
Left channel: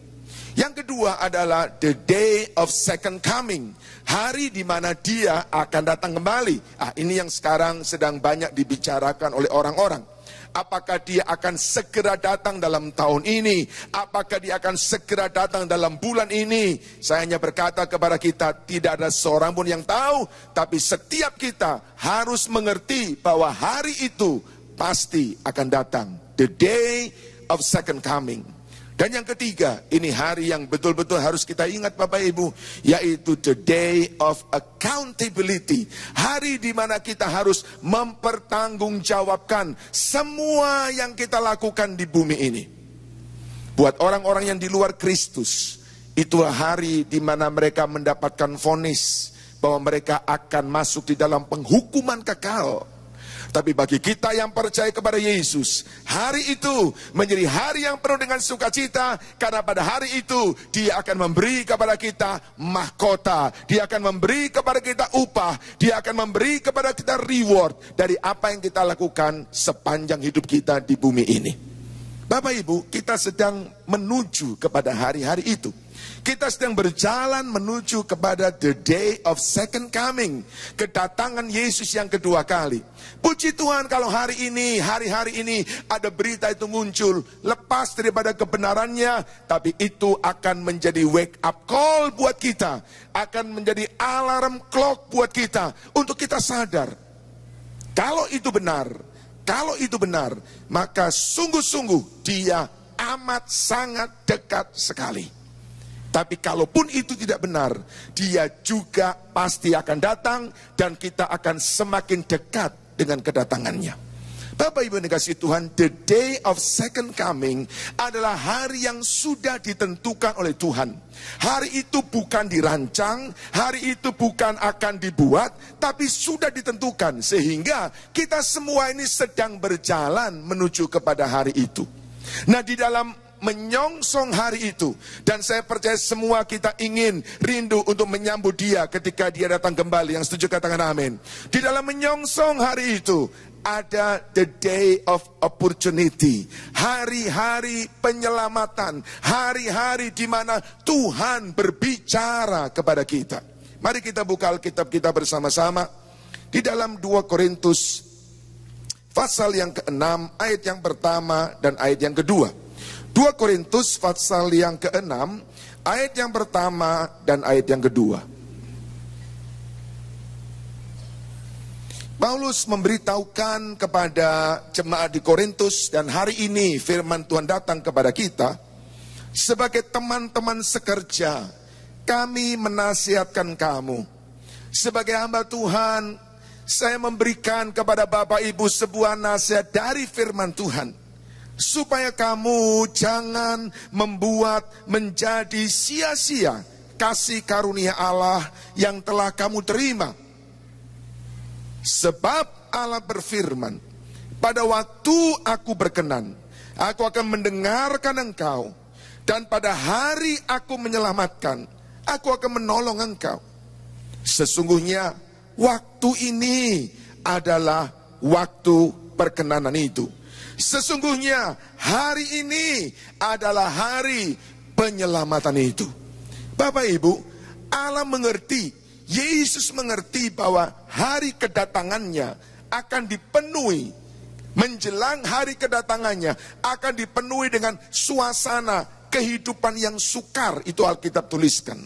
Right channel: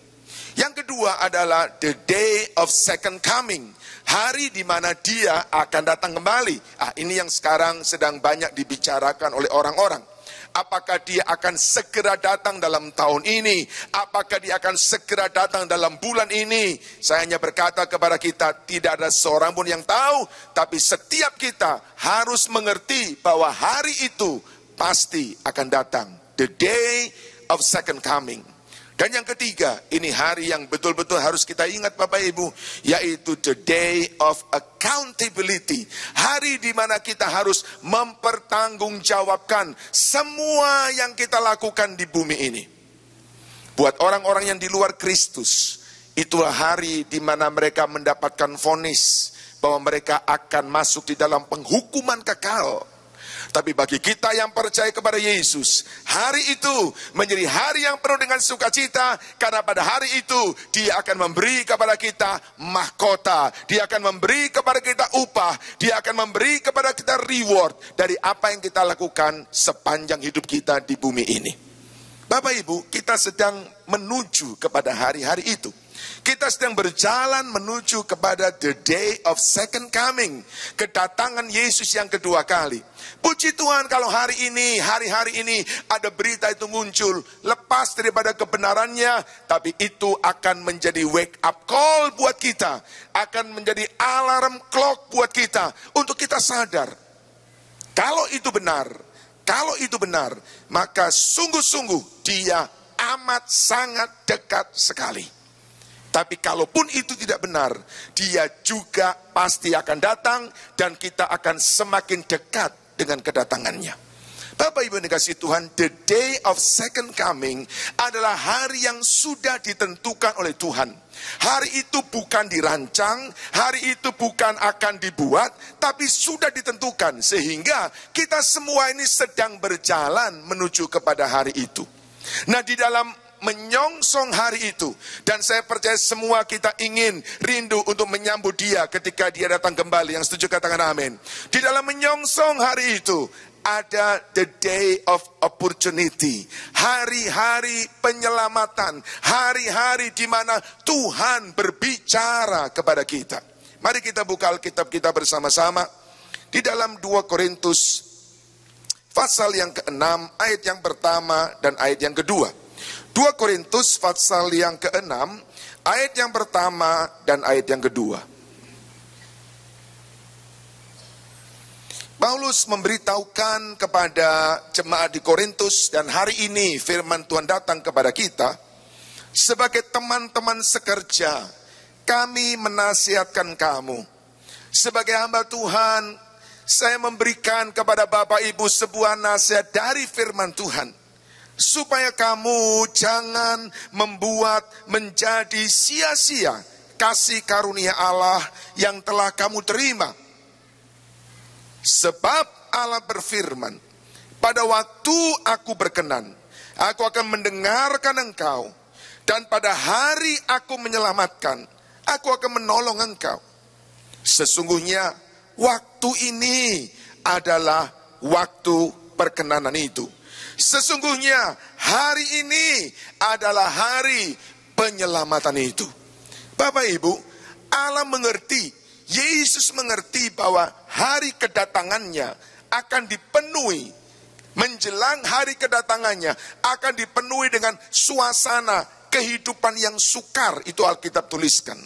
Yang kedua adalah the day of second coming. Hari di mana Dia akan datang kembali. Ini yang sekarang sedang banyak dibicarakan oleh orang-orang. Apakah Dia akan segera datang dalam tahun ini? Apakah Dia akan segera datang dalam bulan ini? Saya hanya berkata kepada kita, tidak ada seorang pun yang tahu. Tapi setiap kita harus mengerti bahwa hari itu pasti akan datang. The day of second coming. Dan yang ketiga, ini hari yang betul-betul harus kita ingat Bapak Ibu, yaitu the day of accountability. Hari di mana kita harus mempertanggungjawabkan semua yang kita lakukan di bumi ini. Buat orang-orang yang di luar Kristus, itulah hari di mana mereka mendapatkan vonis bahwa mereka akan masuk di dalam penghukuman kekal. Tapi bagi kita yang percaya kepada Yesus, hari itu menjadi hari yang penuh dengan sukacita, karena pada hari itu Dia akan memberi kepada kita mahkota, Dia akan memberi kepada kita upah, Dia akan memberi kepada kita reward dari apa yang kita lakukan sepanjang hidup kita di bumi ini. Bapak Ibu, kita sedang menuju kepada hari-hari itu. Kita sedang berjalan menuju kepada the day of second coming. Kedatangan Yesus yang kedua kali. Puji Tuhan kalau hari ini, hari-hari ini ada berita itu muncul. Lepas daripada kebenarannya, tapi itu akan menjadi wake up call buat kita. Akan menjadi alarm clock buat kita. Untuk kita sadar. Kalau itu benar, maka sungguh-sungguh Dia amat sangat dekat sekali. Tapi kalaupun itu tidak benar, Dia juga pasti akan datang dan kita akan semakin dekat dengan kedatangannya. Bapak Ibu yang dikasihi Tuhan, the day of second coming adalah hari yang sudah ditentukan oleh Tuhan. Hari itu bukan dirancang, hari itu bukan akan dibuat, tapi sudah ditentukan. Sehingga kita semua ini sedang berjalan menuju kepada hari itu. Nah, di dalam menyongsong hari itu, dan saya percaya semua kita ingin rindu untuk menyambut Dia ketika Dia datang kembali. Yang setuju katakan amin. Di dalam menyongsong hari itu ada the day of opportunity, hari-hari penyelamatan, hari-hari di mana Tuhan berbicara kepada kita. Mari kita buka Alkitab kita bersama-sama di dalam 2 Korintus pasal yang ke-6 ayat yang pertama dan ayat yang kedua. 2 Korintus pasal yang ke-6 ayat yang pertama dan ayat yang kedua. Paulus memberitahukan kepada jemaat di Korintus, dan hari ini firman Tuhan datang kepada kita sebagai teman-teman sekerja kami menasihatkan kamu. Sebagai hamba Tuhan, saya memberikan kepada Bapak Ibu sebuah nasihat dari firman Tuhan. Supaya kamu jangan membuat menjadi sia-sia kasih karunia Allah yang telah kamu terima. Sebab Allah berfirman, pada waktu aku berkenan, aku akan mendengarkan engkau. Dan pada hari aku menyelamatkan, aku akan menolong engkau. Sesungguhnya waktu ini adalah waktu perkenanan itu. Sesungguhnya hari ini adalah hari penyelamatan itu. Bapak Ibu, Allah mengerti, Yesus mengerti bahwa hari kedatangannya akan dipenuhi. Menjelang hari kedatangannya akan dipenuhi dengan suasana kehidupan yang sukar, itu Alkitab tuliskan.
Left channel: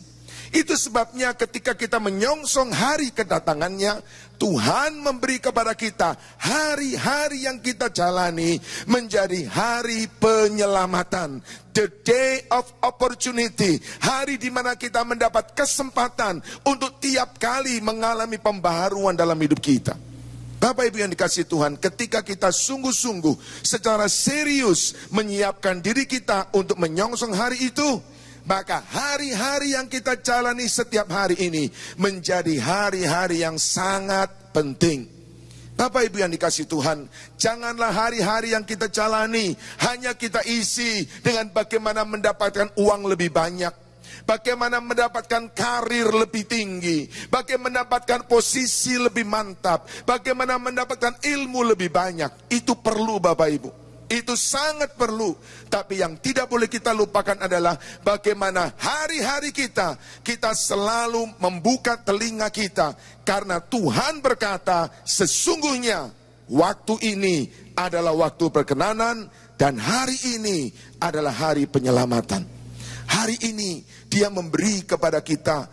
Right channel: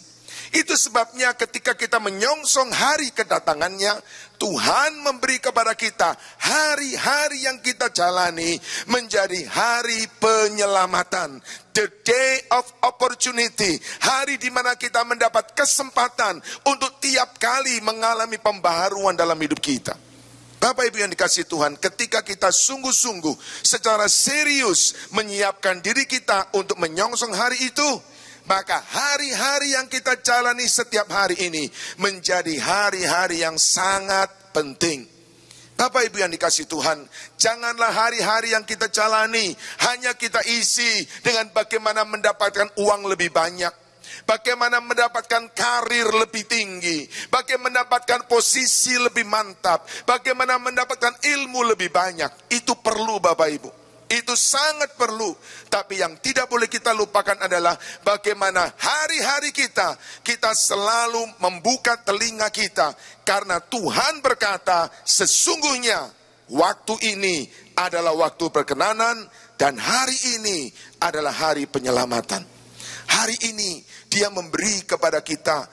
Itu sebabnya ketika kita menyongsong hari kedatangannya, Tuhan memberi kepada kita hari-hari yang kita jalani menjadi hari penyelamatan. The day of opportunity. Hari di mana kita mendapat kesempatan untuk tiap kali mengalami pembaharuan dalam hidup kita. Bapak Ibu yang dikasihi Tuhan, ketika kita sungguh-sungguh secara serius menyiapkan diri kita untuk menyongsong hari itu, maka hari-hari yang kita jalani setiap hari ini menjadi hari-hari yang sangat penting. Bapak Ibu yang dikasihi Tuhan, janganlah hari-hari yang kita jalani hanya kita isi dengan bagaimana mendapatkan uang lebih banyak, bagaimana mendapatkan karir lebih tinggi, bagaimana mendapatkan posisi lebih mantap, bagaimana mendapatkan ilmu lebih banyak. Itu perlu Bapak Ibu, itu sangat perlu. Tapi yang tidak boleh kita lupakan adalah bagaimana hari-hari kita selalu membuka telinga kita. Karena Tuhan berkata, sesungguhnya waktu ini adalah waktu perkenanan dan hari ini adalah hari penyelamatan. Hari ini Dia memberi kepada kita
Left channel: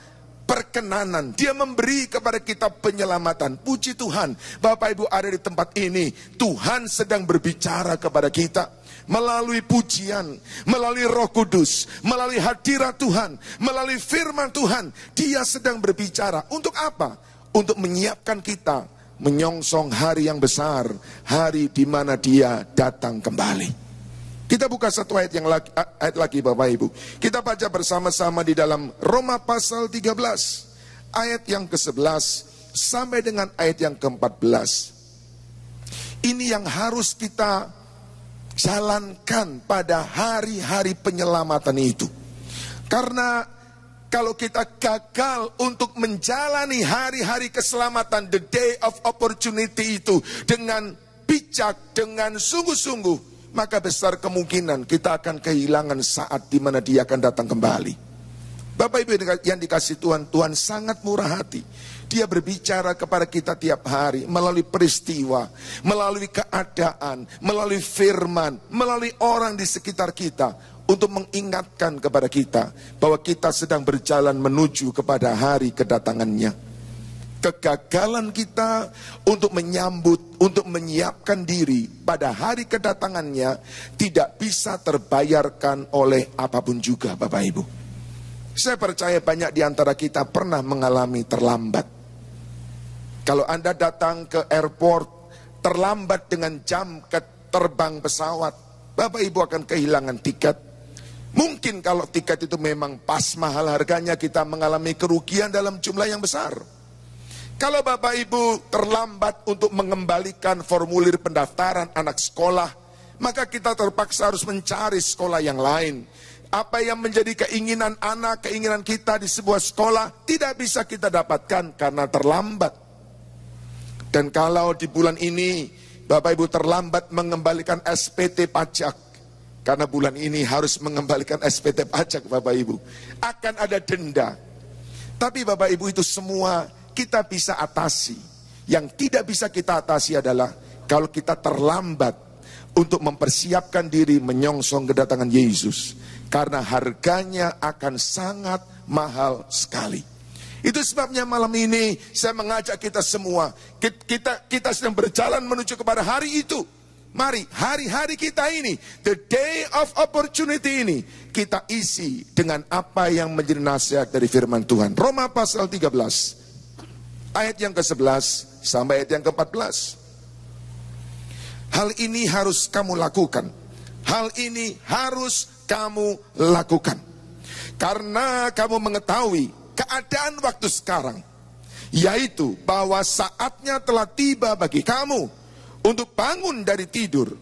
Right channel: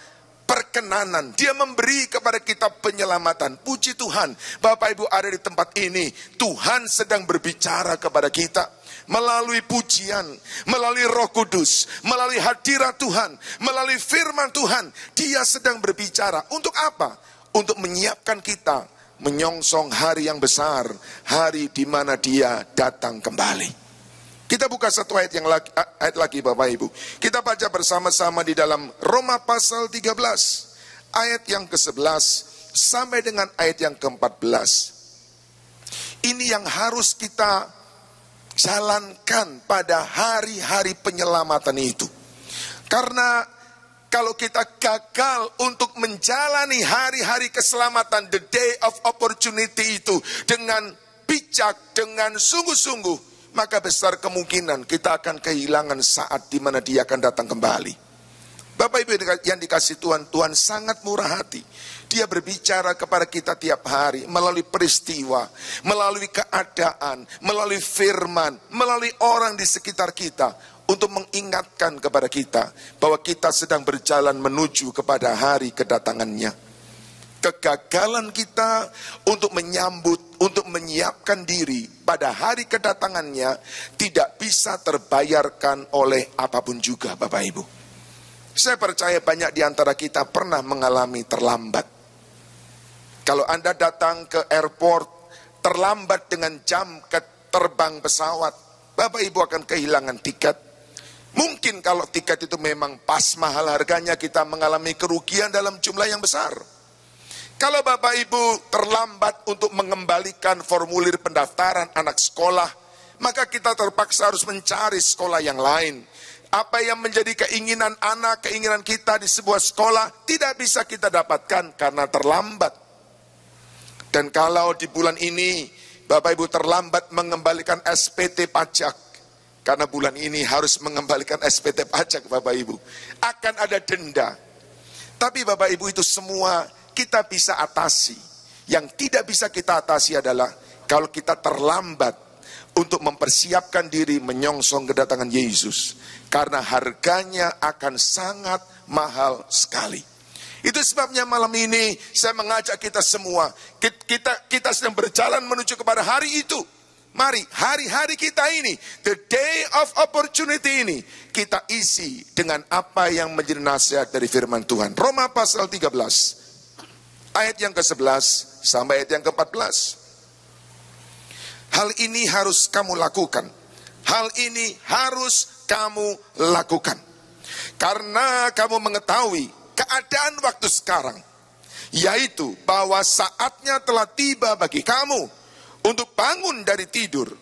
perkenanan, Dia memberi kepada kita penyelamatan. Puji Tuhan, Bapak Ibu ada di tempat ini, Tuhan sedang berbicara kepada kita melalui pujian, melalui Roh Kudus, melalui hadirat Tuhan, melalui firman Tuhan. Dia sedang berbicara. Untuk apa? Untuk menyiapkan kita menyongsong hari yang besar, hari di mana Dia datang kembali. Kita buka satu ayat lagi Bapak Ibu. Kita baca bersama-sama di dalam Roma pasal 13. Ayat yang ke-11 sampai dengan ayat yang ke-14. Ini yang harus kita jalankan pada hari-hari penyelamatan itu. Karena kalau kita gagal untuk menjalani hari-hari keselamatan, the day of opportunity itu dengan bijak, dengan sungguh-sungguh, maka besar kemungkinan kita akan kehilangan saat di mana Dia akan datang kembali. Bapak Ibu yang dikasihi Tuhan, Tuhan sangat murah hati. Dia berbicara kepada kita tiap hari melalui peristiwa, melalui keadaan, melalui firman, melalui orang di sekitar kita untuk mengingatkan kepada kita bahwa kita sedang berjalan menuju kepada hari kedatangannya. Kegagalan kita untuk menyambut, untuk menyiapkan diri pada hari kedatangannya tidak bisa terbayarkan oleh apapun juga Bapak Ibu. Saya percaya banyak di antara kita pernah mengalami terlambat. Kalau Anda datang ke airport terlambat dengan jam terbang pesawat, Bapak Ibu akan kehilangan tiket. Mungkin kalau tiket itu memang pas mahal harganya, kita mengalami kerugian dalam jumlah yang besar. Kalau Bapak Ibu terlambat untuk mengembalikan formulir pendaftaran anak sekolah, maka kita terpaksa harus mencari sekolah yang lain. Apa yang menjadi keinginan anak, keinginan kita di sebuah sekolah tidak bisa kita dapatkan karena terlambat. Dan kalau di bulan ini Bapak Ibu terlambat mengembalikan SPT pajak, karena bulan ini harus mengembalikan SPT pajak Bapak Ibu, akan ada denda. Tapi Bapak Ibu itu semua kita bisa atasi. Yang tidak bisa kita atasi adalah kalau kita terlambat untuk mempersiapkan diri menyongsong kedatangan Yesus. Karena harganya akan sangat mahal sekali. Itu sebabnya malam ini saya mengajak kita semua. Kita sedang berjalan menuju kepada hari itu. mari hari-hari kita ini, the day of opportunity ini, kita isi dengan apa yang menjadi nasihat dari firman Tuhan. Roma pasal 13, ayat yang ke-11 sampai ayat yang ke-14. Hal ini harus kamu lakukan. Hal ini harus kamu lakukan. Karena kamu mengetahui keadaan waktu sekarang, yaitu bahwa saatnya telah tiba bagi kamu untuk bangun dari tidur.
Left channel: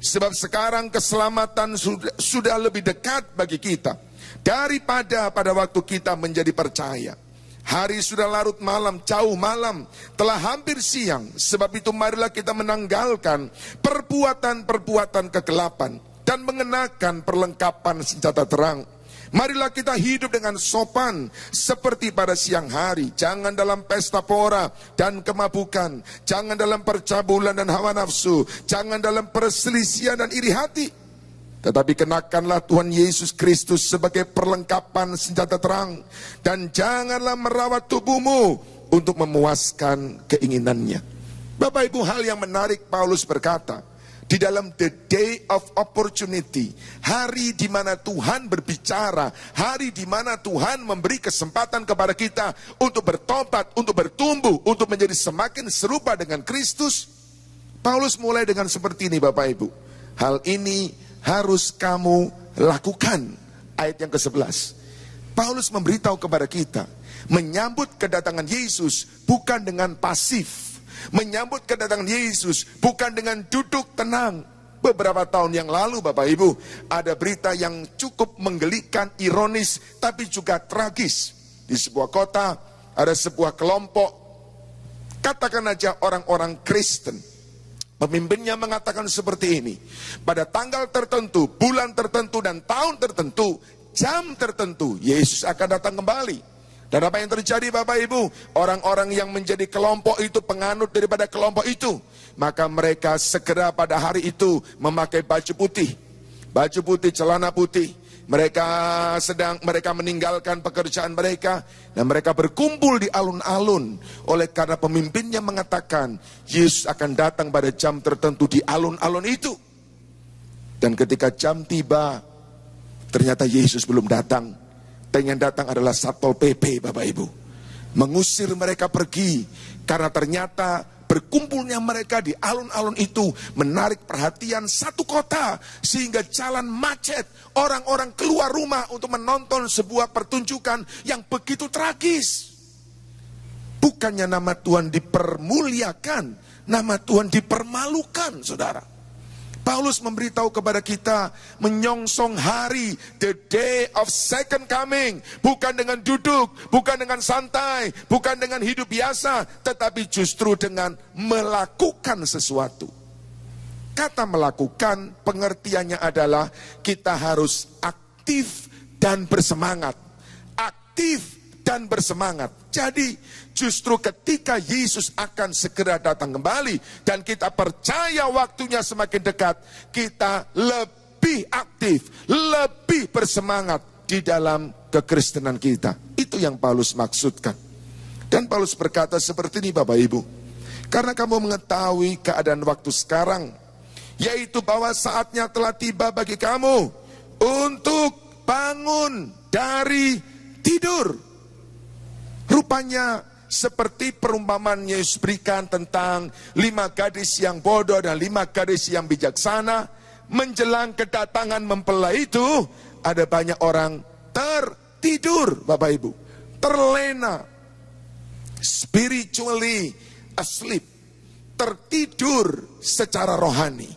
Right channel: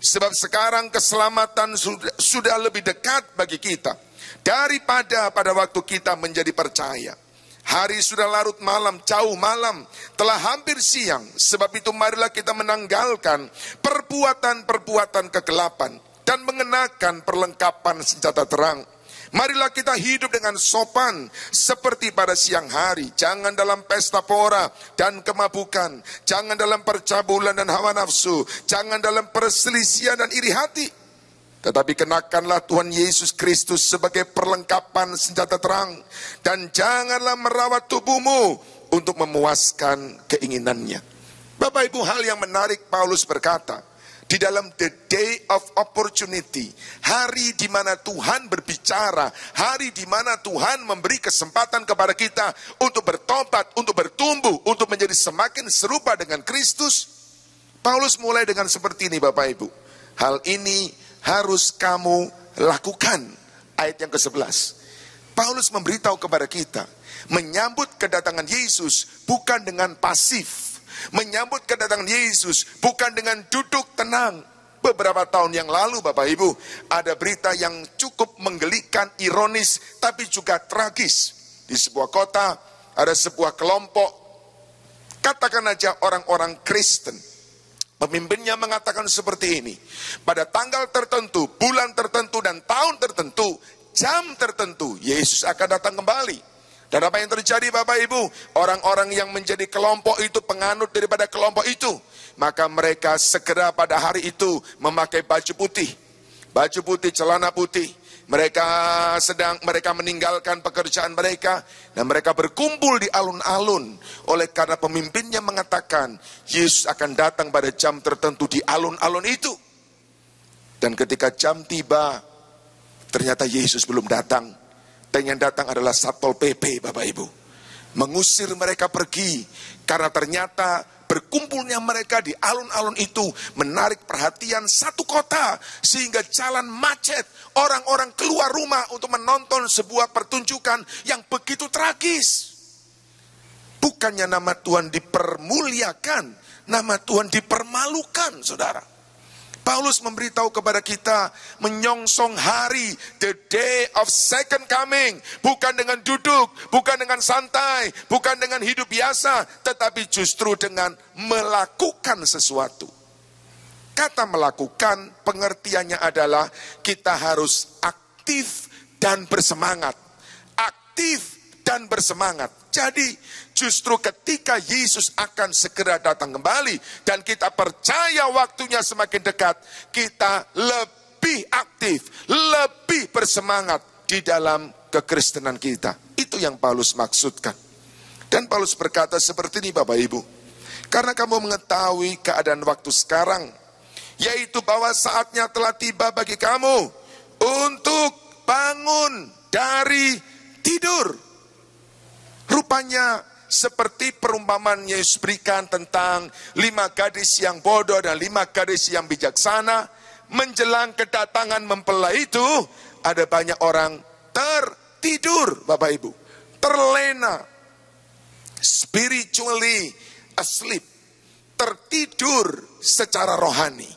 Sebab sekarang keselamatan sudah lebih dekat bagi kita daripada pada waktu kita menjadi percaya. Hari sudah larut malam, jauh malam, telah hampir siang. Sebab itu marilah kita menanggalkan perbuatan-perbuatan kegelapan dan mengenakan perlengkapan senjata terang. Marilah kita hidup dengan sopan seperti pada siang hari. Jangan dalam pesta pora dan kemabukan. Jangan dalam percabulan dan hawa nafsu. Jangan dalam perselisihan dan iri hati. Tetapi kenakanlah Tuhan Yesus Kristus sebagai perlengkapan senjata terang. Dan janganlah merawat tubuhmu untuk memuaskan keinginannya. Bapak Ibu, hal yang menarik Paulus berkata, di dalam the day of opportunity, hari di mana Tuhan berbicara, hari di mana Tuhan memberi kesempatan kepada kita untuk bertobat, untuk bertumbuh, untuk menjadi semakin serupa dengan Kristus. Paulus mulai dengan seperti ini Bapak Ibu. Hal ini harus kamu lakukan. Ayat yang ke-11. Paulus memberitahu kepada kita, menyambut kedatangan Yesus bukan dengan pasif. Menyambut kedatangan Yesus bukan dengan duduk tenang. Beberapa tahun yang lalu Bapak Ibu, ada berita yang cukup menggelikan, ironis, tapi juga tragis. Di sebuah kota ada sebuah kelompok, katakan aja orang-orang Kristen. Pemimpinnya mengatakan seperti ini, pada tanggal tertentu, bulan tertentu, dan tahun tertentu, jam tertentu, Yesus akan datang kembali. Dan apa yang terjadi Bapak Ibu? Orang-orang yang menjadi kelompok itu, penganut daripada kelompok itu, maka mereka segera pada hari itu memakai baju putih. Baju putih, celana putih. Mereka meninggalkan pekerjaan mereka. Dan mereka berkumpul di alun-alun. Oleh karena pemimpinnya mengatakan, Yesus akan datang pada jam tertentu di alun-alun itu. Dan ketika jam tiba, ternyata Yesus belum datang. Dan yang datang adalah Satpol PP Bapak Ibu. Mengusir mereka pergi. Karena ternyata berkumpulnya mereka di alun-alun itu menarik perhatian satu kota. Sehingga jalan macet. Orang-orang keluar rumah untuk menonton sebuah pertunjukan yang begitu tragis. Bukannya nama Tuhan dipermuliakan. Nama Tuhan dipermalukan saudara. Paulus memberitahu kepada kita menyongsong hari, the day of second coming. Bukan dengan duduk, bukan dengan santai, bukan dengan hidup biasa, tetapi justru dengan melakukan sesuatu. Kata melakukan, pengertiannya adalah kita harus aktif dan bersemangat. Aktif dan bersemangat. Jadi justru ketika Yesus akan segera datang kembali dan kita percaya waktunya semakin dekat, kita lebih aktif, lebih bersemangat di dalam kekristenan kita. Itu yang Paulus maksudkan. Dan Paulus berkata seperti ini Bapak Ibu, karena kamu mengetahui keadaan waktu sekarang, yaitu bahwa saatnya telah tiba bagi kamu untuk bangun dari tidur. Rupanya seperti perumpamaan Yesus berikan tentang 5 gadis yang bodoh dan 5 gadis yang bijaksana. Menjelang kedatangan mempelai itu, ada banyak orang tertidur Bapak Ibu. Terlena. Spiritually asleep. Tertidur secara rohani.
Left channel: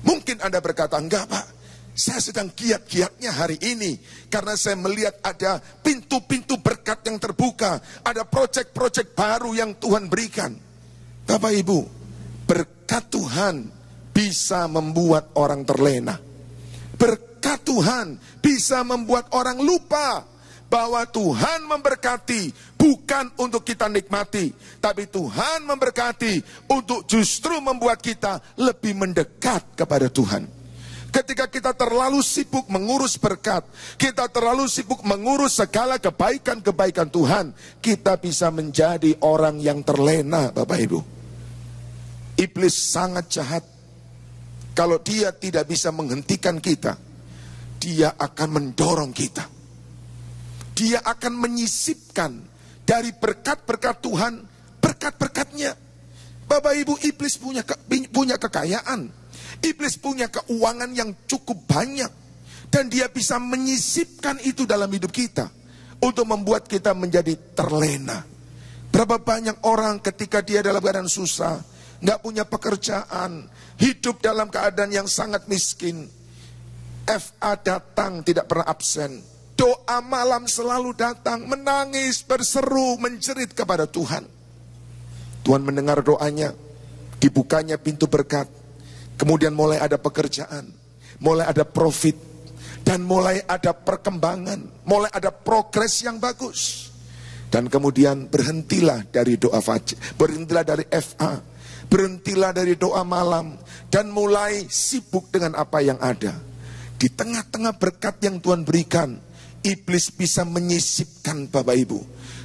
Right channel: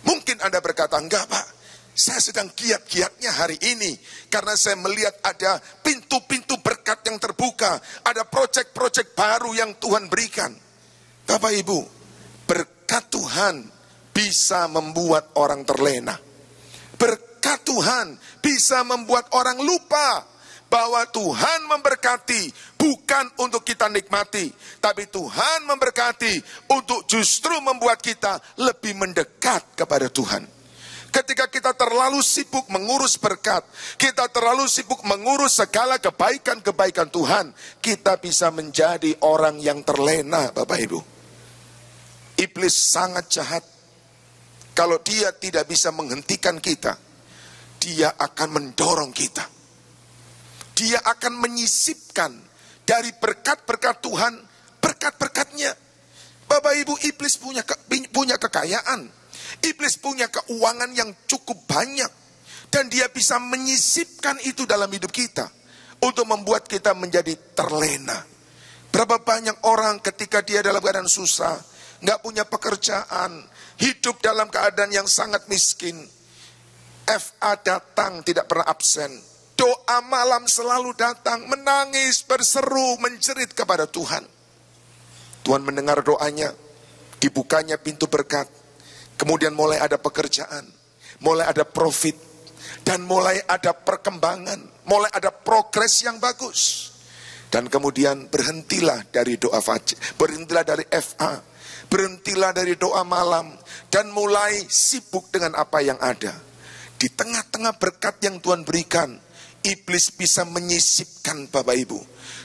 Mungkin Anda berkata, enggak Pak, saya sedang giat-giatnya hari ini. Karena saya melihat ada pintu-pintu berkat yang terbuka. Ada proyek-proyek baru yang Tuhan berikan. Bapak Ibu, berkat Tuhan bisa membuat orang terlena. Berkat Tuhan bisa membuat orang lupa bahwa Tuhan memberkati bukan untuk kita nikmati. Tapi Tuhan memberkati untuk justru membuat kita lebih mendekat kepada Tuhan. Ketika kita terlalu sibuk mengurus berkat, kita terlalu sibuk mengurus segala kebaikan-kebaikan Tuhan, kita bisa menjadi orang yang terlena Bapak Ibu. Iblis sangat jahat. Kalau dia tidak bisa menghentikan kita, dia akan mendorong kita. Dia akan menyisipkan dari berkat-berkat Tuhan, berkat-berkatnya. Bapak Ibu, iblis punya kekayaan. Iblis punya keuangan yang cukup banyak. Dan dia bisa menyisipkan itu dalam hidup kita. Untuk membuat kita menjadi terlena. Berapa banyak orang ketika dia dalam keadaan susah, nggak punya pekerjaan, hidup dalam keadaan yang sangat miskin. FA datang tidak pernah absen. Doa malam selalu datang, menangis, berseru, menjerit kepada Tuhan. Tuhan mendengar doanya, dibukanya pintu berkat. Kemudian mulai ada pekerjaan, mulai ada profit, dan mulai ada perkembangan, mulai ada progres yang bagus. Dan kemudian berhentilah dari doa fajr, berhentilah dari FA, berhentilah dari doa malam, dan mulai sibuk dengan apa yang ada. Di tengah-tengah berkat yang Tuhan berikan, iblis bisa menyisipkan Bapak Ibu.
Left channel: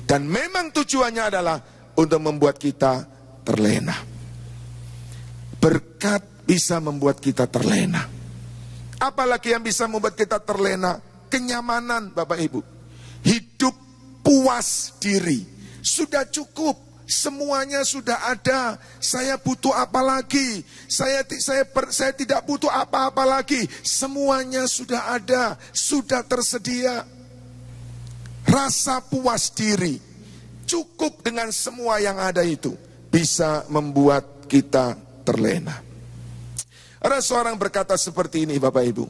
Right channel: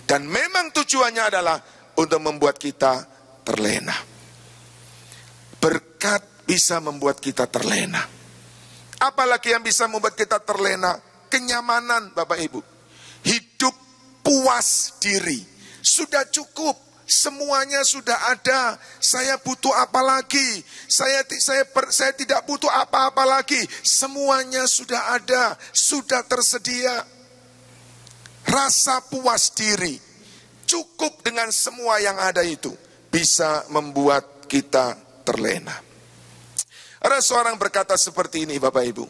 Dan memang tujuannya adalah untuk membuat kita terlena. Berkat bisa membuat kita terlena. Apalagi yang bisa membuat kita terlena? Kenyamanan Bapak Ibu. Hidup puas diri. Sudah cukup. Semuanya sudah ada. Saya butuh apa lagi? Saya tidak butuh apa-apa lagi. Semuanya sudah ada. Sudah tersedia. Rasa puas diri. Cukup dengan semua yang ada itu. Bisa membuat kita terlena. Ada seorang berkata seperti ini Bapak Ibu.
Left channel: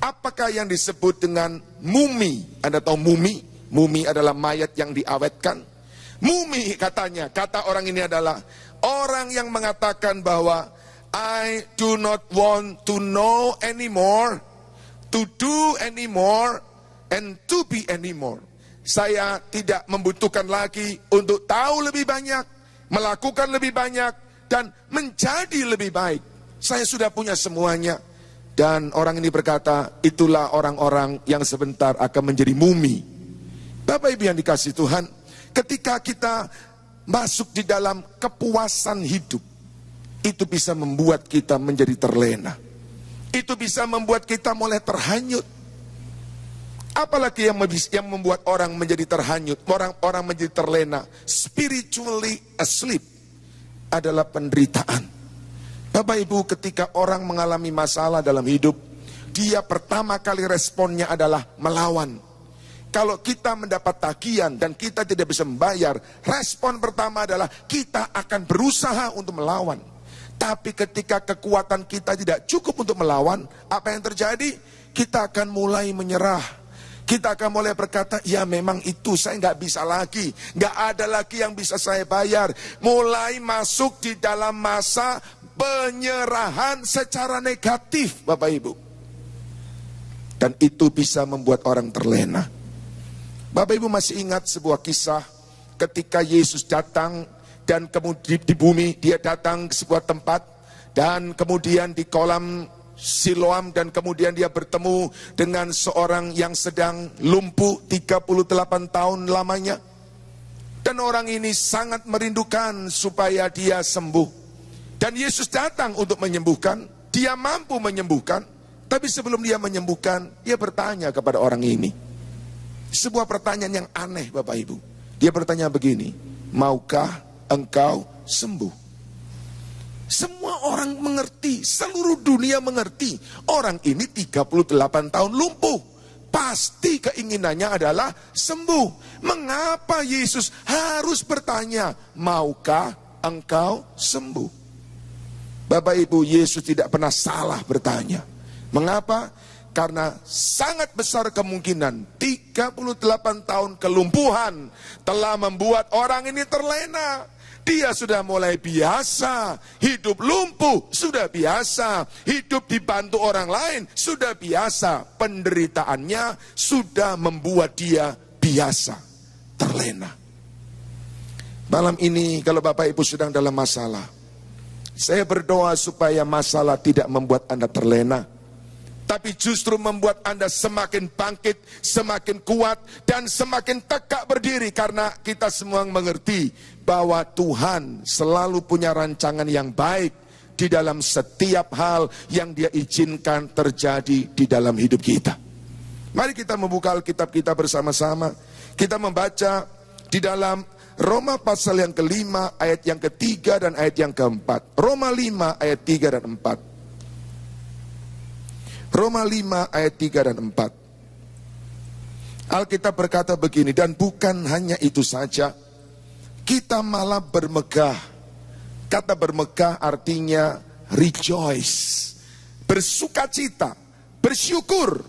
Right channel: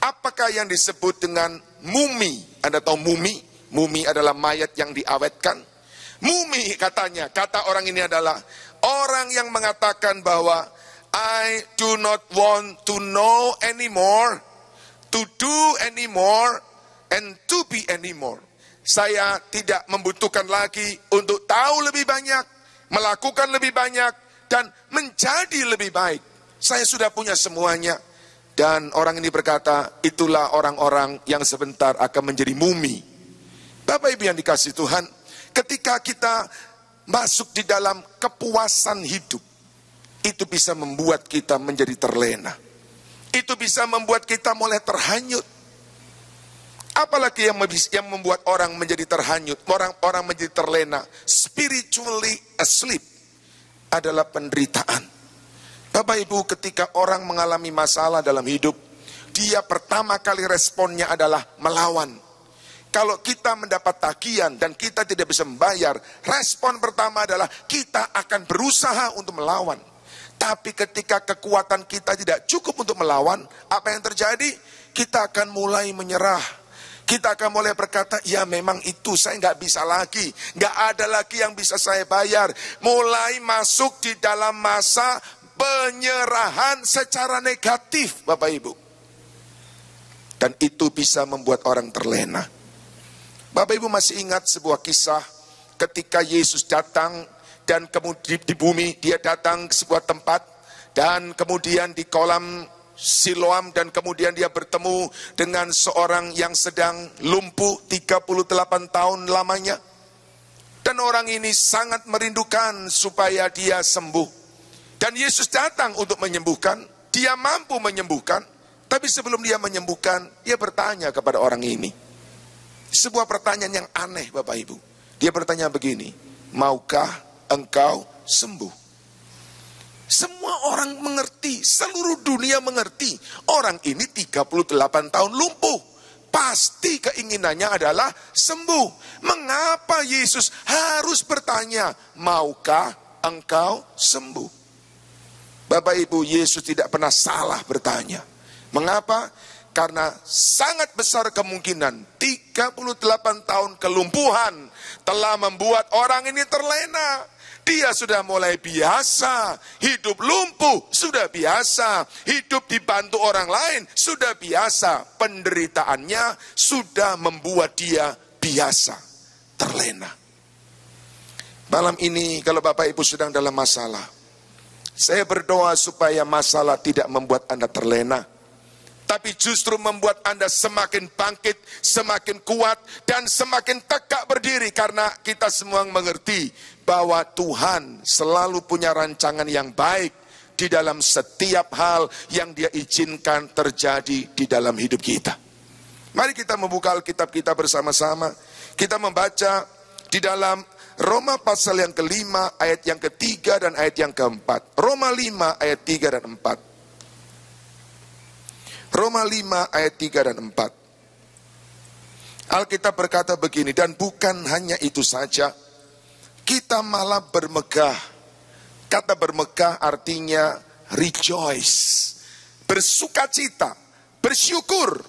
Apakah yang disebut dengan mumi? Anda tahu mumi? Mumi adalah mayat yang diawetkan. Mumi katanya, kata orang ini adalah orang yang mengatakan bahwa I do not want to know anymore, to do anymore, and to be anymore. Saya tidak membutuhkan lagi untuk tahu lebih banyak, melakukan lebih banyak, dan menjadi lebih baik. Saya sudah punya semuanya. Dan orang ini berkata, itulah orang-orang yang sebentar akan menjadi mumi. Bapak Ibu yang dikasihi Tuhan, ketika kita masuk di dalam kepuasan hidup, itu bisa membuat kita menjadi terlena. Itu bisa membuat kita mulai terhanyut. Apalagi yang membuat orang menjadi terhanyut, orang menjadi terlena, spiritually asleep, adalah penderitaan. Bapak Ibu, ketika orang mengalami masalah dalam hidup, dia pertama kali responnya adalah melawan. Kalau kita mendapat tagihan dan kita tidak bisa membayar, respon pertama adalah kita akan berusaha untuk melawan. Tapi ketika kekuatan kita tidak cukup untuk melawan, apa yang terjadi? Kita akan mulai menyerah. Kita akan mulai berkata, ya memang itu saya nggak bisa lagi. Nggak ada lagi yang bisa saya bayar. Mulai masuk di dalam masa penyerahan secara negatif Bapak Ibu. Dan itu bisa membuat orang terlena. Bapak Ibu masih ingat sebuah kisah ketika Yesus datang dan kemudian di bumi dia datang ke sebuah tempat dan kemudian di kolam Siloam dan kemudian dia bertemu dengan seorang yang sedang lumpuh 38 tahun lamanya. Dan orang ini sangat merindukan supaya dia sembuh. Dan Yesus datang untuk menyembuhkan, dia mampu menyembuhkan. Tapi sebelum dia menyembuhkan, dia bertanya kepada orang ini. Sebuah pertanyaan yang aneh Bapak Ibu. Dia bertanya begini, maukah engkau sembuh? Semua orang mengerti, seluruh dunia mengerti. Orang ini 38 tahun lumpuh. Pasti keinginannya adalah sembuh. Mengapa Yesus harus bertanya, maukah engkau sembuh? Bapak Ibu, Yesus tidak pernah salah bertanya. Mengapa? Karena sangat besar kemungkinan 38 tahun kelumpuhan telah membuat orang ini terlena. Dia sudah mulai biasa, hidup lumpuh sudah biasa, hidup dibantu orang lain sudah biasa. Penderitaannya sudah membuat dia biasa, terlena. Malam ini kalau Bapak Ibu sedang dalam masalah, saya berdoa supaya masalah tidak membuat Anda terlena, tapi justru membuat Anda semakin bangkit, semakin kuat, dan semakin tegak berdiri. Karena kita semua mengerti bahwa Tuhan selalu punya rancangan yang baik di dalam setiap hal yang Dia izinkan terjadi di dalam hidup kita. Mari kita membuka Alkitab kita bersama-sama. Kita membaca di dalam Roma pasal yang ke-5 ayat yang ke-3 dan ayat yang ke-4. Roma 5 ayat 3 dan 4. Roma 5 ayat 3 dan 4. Alkitab berkata begini, dan bukan hanya itu saja, kita malah bermegah. Kata bermegah artinya rejoice, bersukacita, bersyukur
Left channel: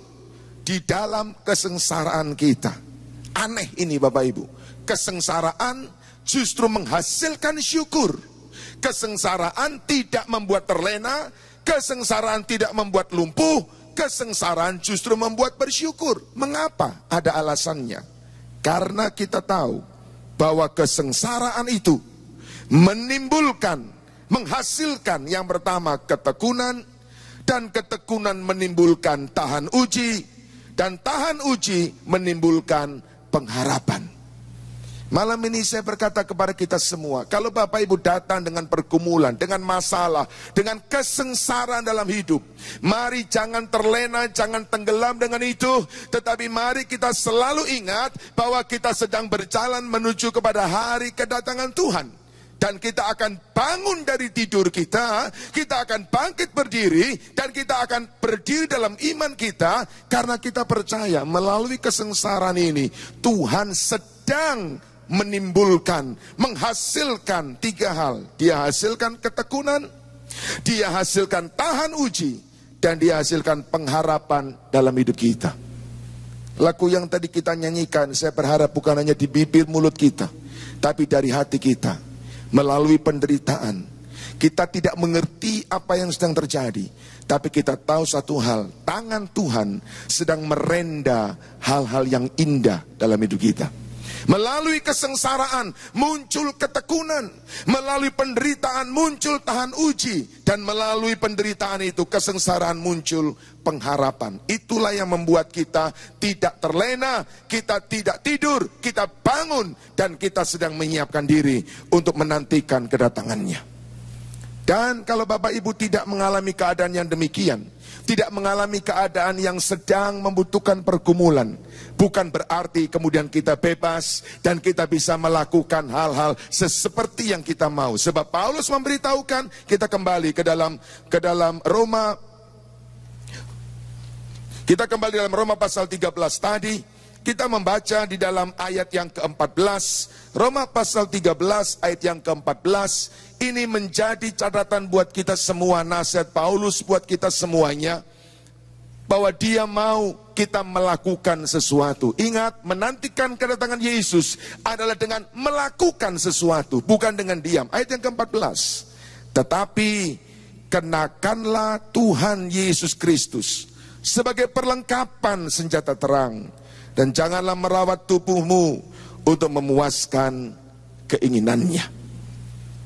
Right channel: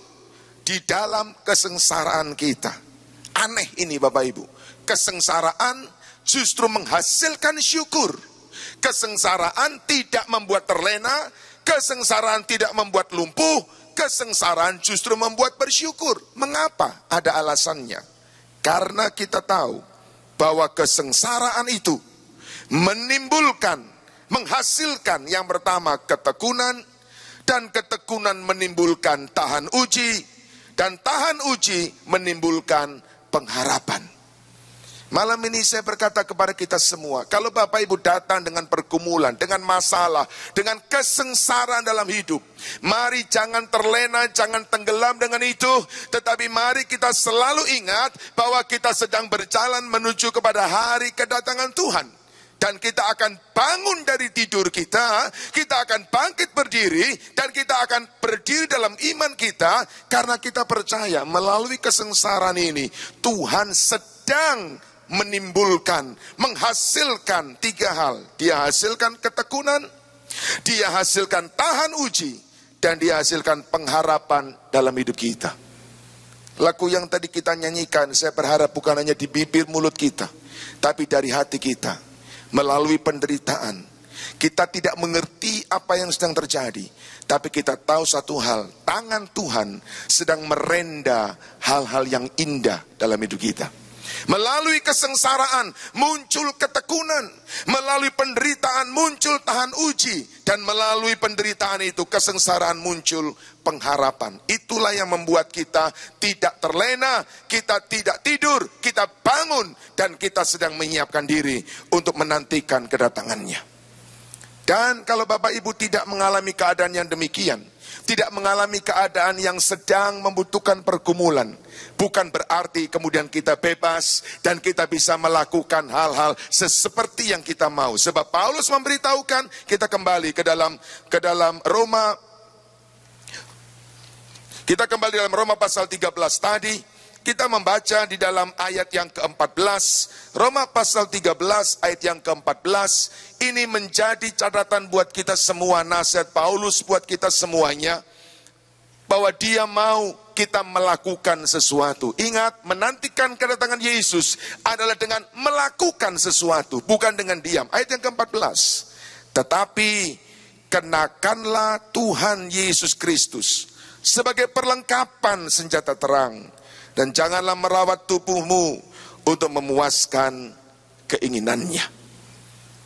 di dalam kesengsaraan kita. Aneh ini Bapak Ibu, kesengsaraan justru menghasilkan syukur. Kesengsaraan tidak membuat terlena, kesengsaraan tidak membuat lumpuh, kesengsaraan justru membuat bersyukur. Mengapa? Ada alasannya. Karena kita tahu bahwa kesengsaraan itu menimbulkan, menghasilkan yang pertama ketekunan, dan ketekunan menimbulkan tahan uji, dan tahan uji menimbulkan pengharapan. Malam ini saya berkata kepada kita semua, kalau Bapak Ibu datang dengan pergumulan, dengan masalah, dengan kesengsaraan dalam hidup, mari jangan terlena, jangan tenggelam dengan itu, tetapi mari kita selalu ingat bahwa kita sedang berjalan menuju kepada hari kedatangan Tuhan. Dan kita akan bangun dari tidur kita akan bangkit berdiri, dan kita akan berdiri dalam iman kita, karena kita percaya melalui kesengsaraan ini, Tuhan sedang menimbulkan, menghasilkan 3 hal. Dia hasilkan ketekunan, Dia hasilkan tahan uji, dan Dia hasilkan pengharapan dalam hidup kita. Lagu yang tadi kita nyanyikan, saya berharap bukan hanya di bibir mulut kita, tapi dari hati kita. Melalui penderitaan, kita tidak mengerti apa yang sedang terjadi, tapi kita tahu satu hal, tangan Tuhan sedang merenda hal-hal yang indah dalam hidup kita. Melalui kesengsaraan muncul ketekunan, melalui penderitaan muncul tahan uji, dan melalui penderitaan itu, kesengsaraan muncul pengharapan. Itulah yang membuat kita tidak terlena, kita tidak tidur, kita bangun, dan kita sedang menyiapkan diri untuk menantikan kedatangannya. Dan kalau Bapak Ibu tidak mengalami keadaan yang demikian, tidak mengalami keadaan yang sedang membutuhkan pergumulan, bukan berarti kemudian kita bebas dan kita bisa melakukan hal-hal seperti yang kita mau. Sebab Paulus memberitahukan, kita kembali ke dalam Roma, kita kembali dalam Roma pasal 13 tadi, kita membaca di dalam ayat yang ke-14, Roma pasal 13 ayat yang ke-14, ini menjadi catatan buat kita semua, nasihat Paulus buat kita semuanya, bahwa dia mau kita melakukan sesuatu. Ingat, menantikan kedatangan Yesus adalah dengan melakukan sesuatu, bukan dengan diam. Ayat yang ke-14, tetapi kenakanlah Tuhan Yesus Kristus sebagai perlengkapan senjata terang, dan janganlah merawat tubuhmu untuk memuaskan keinginannya.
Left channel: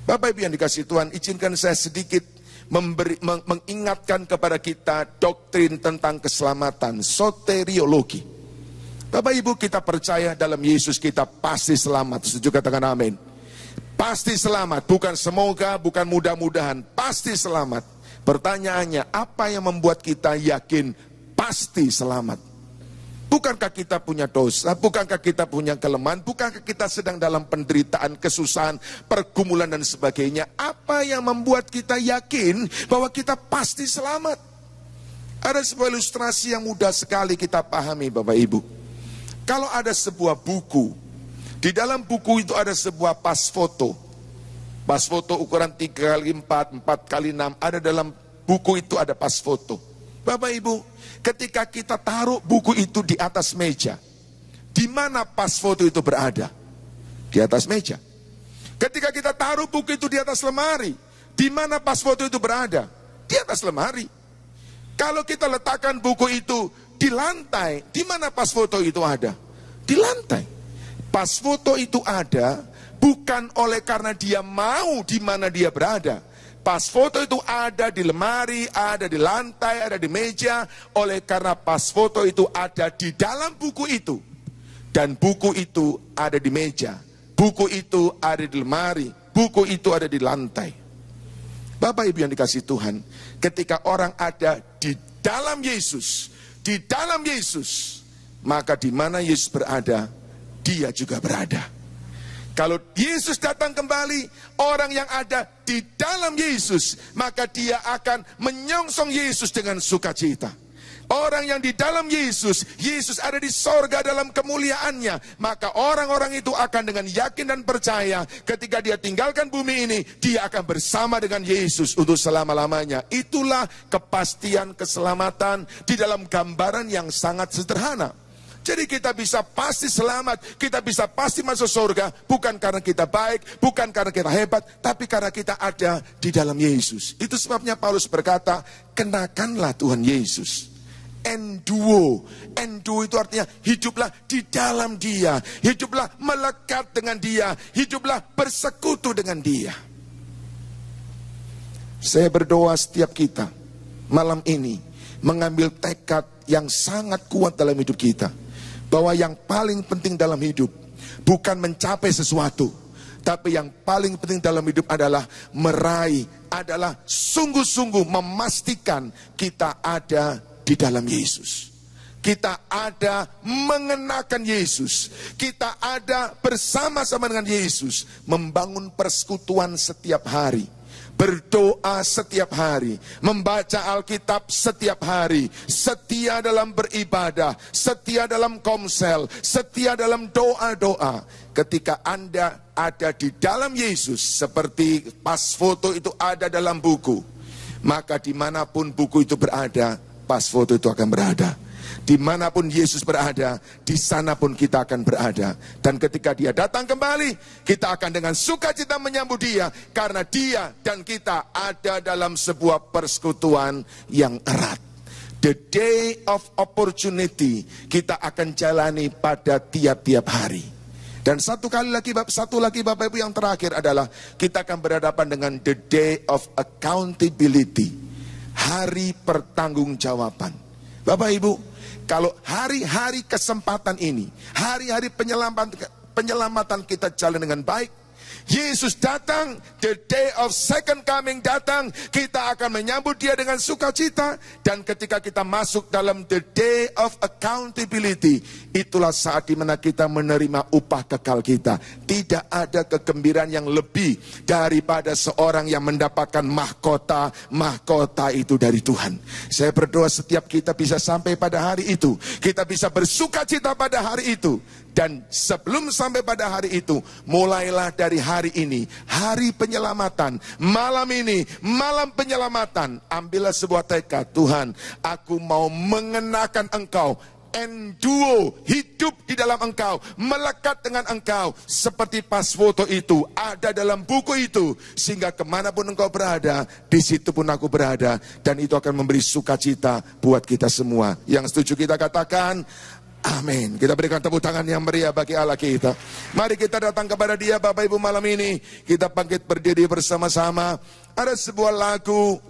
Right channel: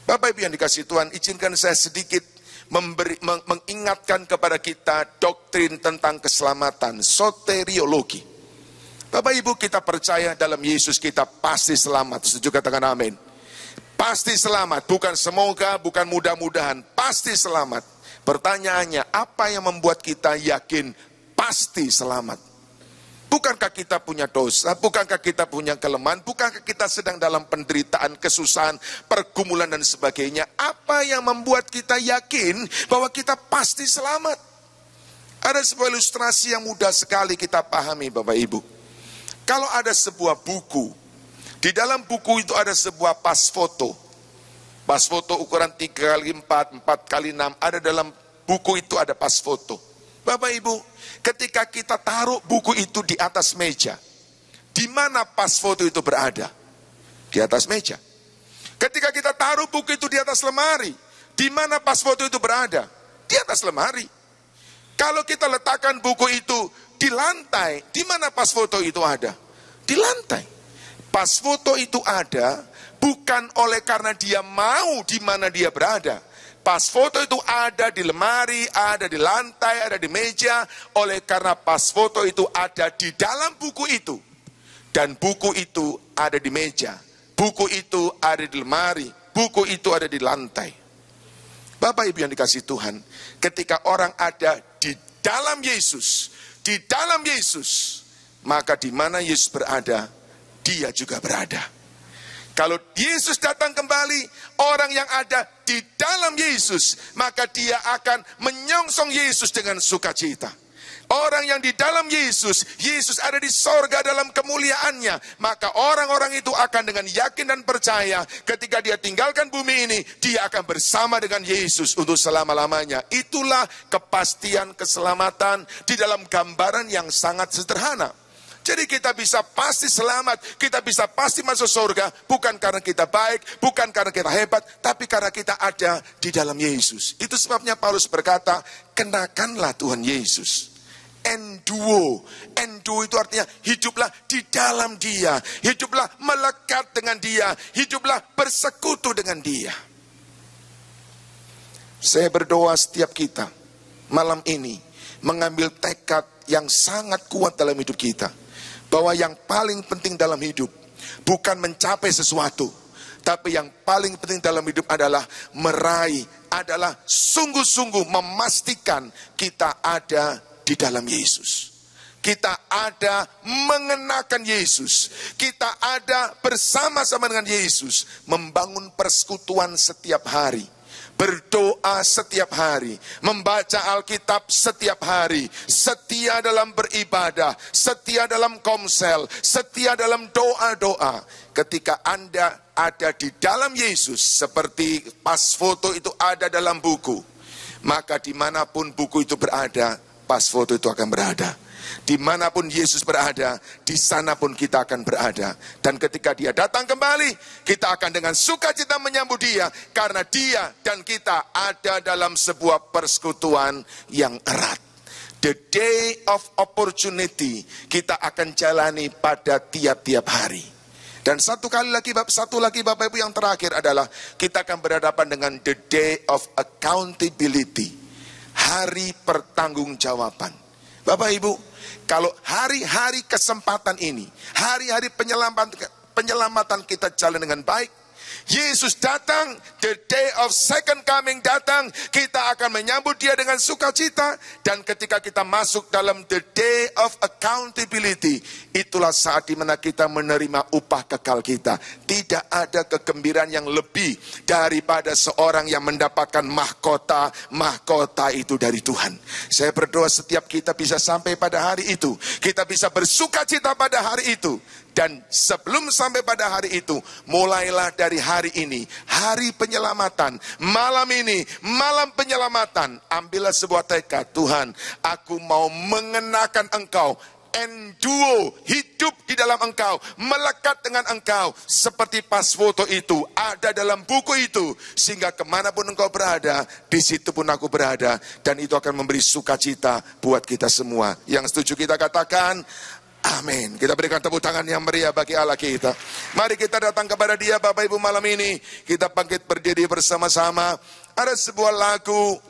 Bapak Ibu yang dikasihi Tuhan, izinkan saya sedikit mengingatkan kepada kita doktrin tentang keselamatan, soteriologi. Bapak Ibu, kita percaya dalam Yesus kita pasti selamat. Setuju, katakan amin. Pasti selamat, bukan semoga, bukan mudah-mudahan, pasti selamat. Pertanyaannya, apa yang membuat kita yakin pasti selamat? Bukankah kita punya dosa? Bukankah kita punya kelemahan? Bukankah kita sedang dalam penderitaan, kesusahan, pergumulan dan sebagainya? Apa yang membuat kita yakin bahwa kita pasti selamat? Ada sebuah ilustrasi yang mudah sekali kita pahami Bapak Ibu. Kalau ada sebuah buku, di dalam buku itu ada sebuah pas foto. Pas foto ukuran 3x4, 4x6, ada dalam buku itu ada pas foto. Bapak Ibu, ketika kita taruh buku itu di atas meja, di mana pas foto itu berada? Di atas meja. Ketika kita taruh buku itu di atas lemari, di mana pas foto itu berada? Di atas lemari. Kalau kita letakkan buku itu di lantai, di mana pas foto itu ada? Di lantai. Pas foto itu ada bukan oleh karena dia mau di mana dia berada. Pas foto itu ada di lemari, ada di lantai, ada di meja, oleh karena pas foto itu ada di dalam buku itu. Dan buku itu ada di meja, buku itu ada di lemari, buku itu ada di lantai. Bapak Ibu yang dikasihi Tuhan, ketika orang ada di dalam Yesus, maka di mana Yesus berada, dia juga berada. Kalau Yesus datang kembali, orang yang ada di dalam Yesus, maka dia akan menyongsong Yesus dengan sukacita. Orang yang di dalam Yesus, Yesus ada di sorga dalam kemuliaannya, maka orang-orang itu akan dengan yakin dan percaya ketika dia tinggalkan bumi ini, dia akan bersama dengan Yesus untuk selama-lamanya. Itulah kepastian keselamatan di dalam gambaran yang sangat sederhana. Jadi kita bisa pasti selamat, kita bisa pasti masuk surga, bukan karena kita baik, bukan karena kita hebat, tapi karena kita ada di dalam Yesus. Itu sebabnya Paulus berkata, kenakanlah Tuhan Yesus. Enduo itu artinya hiduplah di dalam Dia, hiduplah melekat dengan Dia, hiduplah bersekutu dengan Dia. Saya berdoa setiap kita malam ini mengambil tekad yang sangat kuat dalam hidup kita, bahwa yang paling penting dalam hidup bukan mencapai sesuatu, tapi yang paling penting dalam hidup adalah meraih, adalah sungguh-sungguh memastikan kita ada di dalam Yesus. Kita ada mengenakan Yesus. Kita ada bersama-sama dengan Yesus, membangun persekutuan setiap hari, berdoa setiap hari, membaca Alkitab setiap hari, setia dalam beribadah, setia dalam komsel, setia dalam doa-doa. Ketika Anda ada di dalam Yesus, seperti pas foto itu ada dalam buku, maka dimanapun buku itu berada, pas foto itu akan berada. Dimanapun Yesus berada, di sana pun kita akan berada. Dan ketika Dia datang kembali, kita akan dengan sukacita menyambut Dia, karena Dia dan kita ada dalam sebuah persekutuan yang erat. The day of opportunity kita akan jalani pada tiap-tiap hari. Dan satu lagi Bapak Ibu yang terakhir adalah kita akan berhadapan dengan the day of accountability, hari pertanggungjawaban. Bapak Ibu, kalau hari-hari kesempatan ini, hari-hari penyelamatan kita jalan dengan baik, Yesus datang, the day of second coming datang, kita akan menyambut Dia dengan sukacita. Dan ketika kita masuk dalam the day of accountability, itulah saat dimana kita menerima upah kekal kita. Tidak ada kegembiraan yang lebih daripada seorang yang mendapatkan mahkota itu dari Tuhan. Saya berdoa setiap kita bisa sampai pada hari itu, kita bisa bersukacita pada hari itu. Dan sebelum sampai pada hari itu, mulailah dari hari ini, hari penyelamatan, malam ini, malam penyelamatan. Ambillah sebuah tekad, Tuhan, aku mau mengenakan Engkau, enduo, hidup di dalam Engkau, melekat dengan Engkau, seperti pas foto itu, ada dalam buku itu, sehingga kemanapun Engkau berada, di situ pun aku berada, dan itu akan memberi sukacita buat kita semua. Yang setuju kita katakan, amin. Kita berikan tepuk tangan yang meriah bagi Allah kita. Mari kita datang kepada Dia Bapak Ibu malam ini. Kita bangkit berdiri bersama-sama. Ada sebuah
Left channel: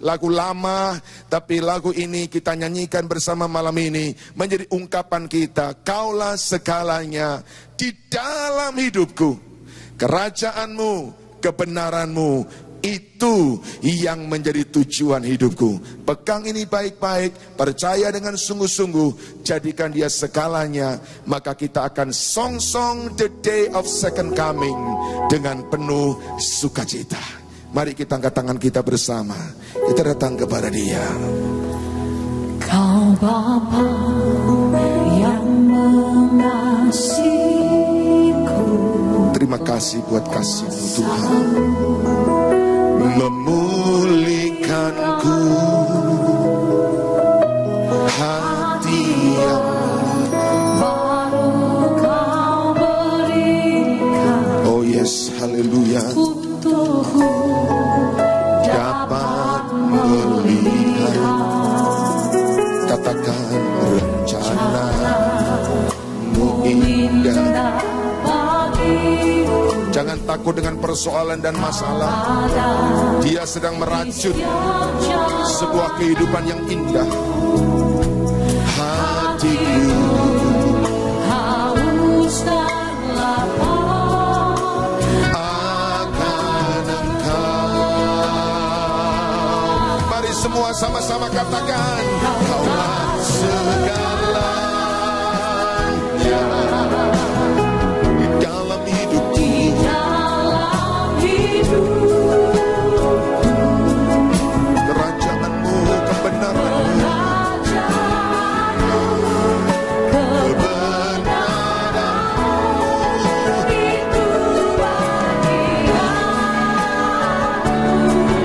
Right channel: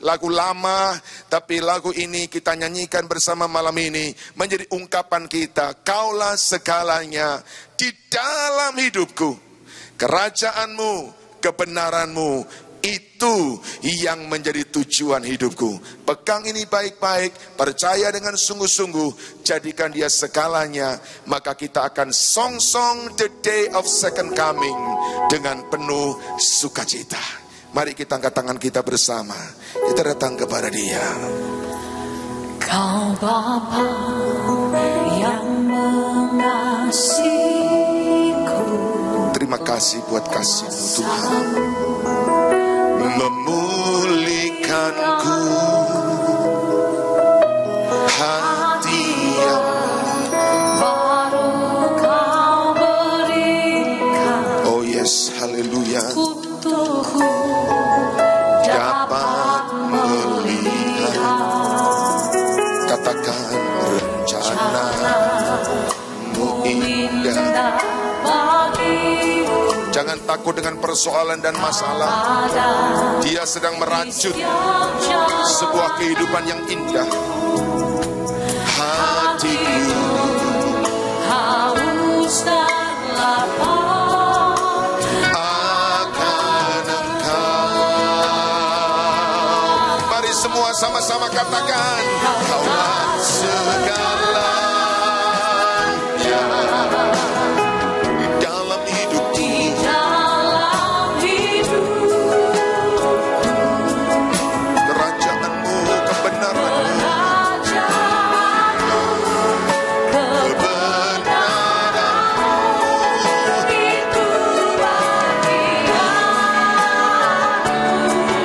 lagu lama, tapi lagu ini kita nyanyikan bersama malam ini, menjadi ungkapan kita, Kaulah segalanya di dalam hidupku. Kerajaanmu, kebenaranmu, itu yang menjadi tujuan hidupku. Pegang ini baik-baik, percaya dengan sungguh-sungguh, jadikan dia segalanya, maka kita akan song-song the day of second coming dengan penuh sukacita. Mari kita angkat tangan kita bersama, kita datang kepada Dia. Kau Bapa yang mengasihiku, terima kasih buat kasih-Mu Tuhan, memulihkanku, hati yang baru Kau berikan. oh yes, haleluya, Untukku dapat melihat, katakan rencana-Mu indah. Jangan takut dengan persoalan dan masalah. Dia sedang merajut sebuah kehidupan yang indah. Hatiku haus dan lapar akan Engkau. semua sama-sama katakan, Kaulah segalanya di dalam hidupku. Kerajaanmu, kebenaranmu,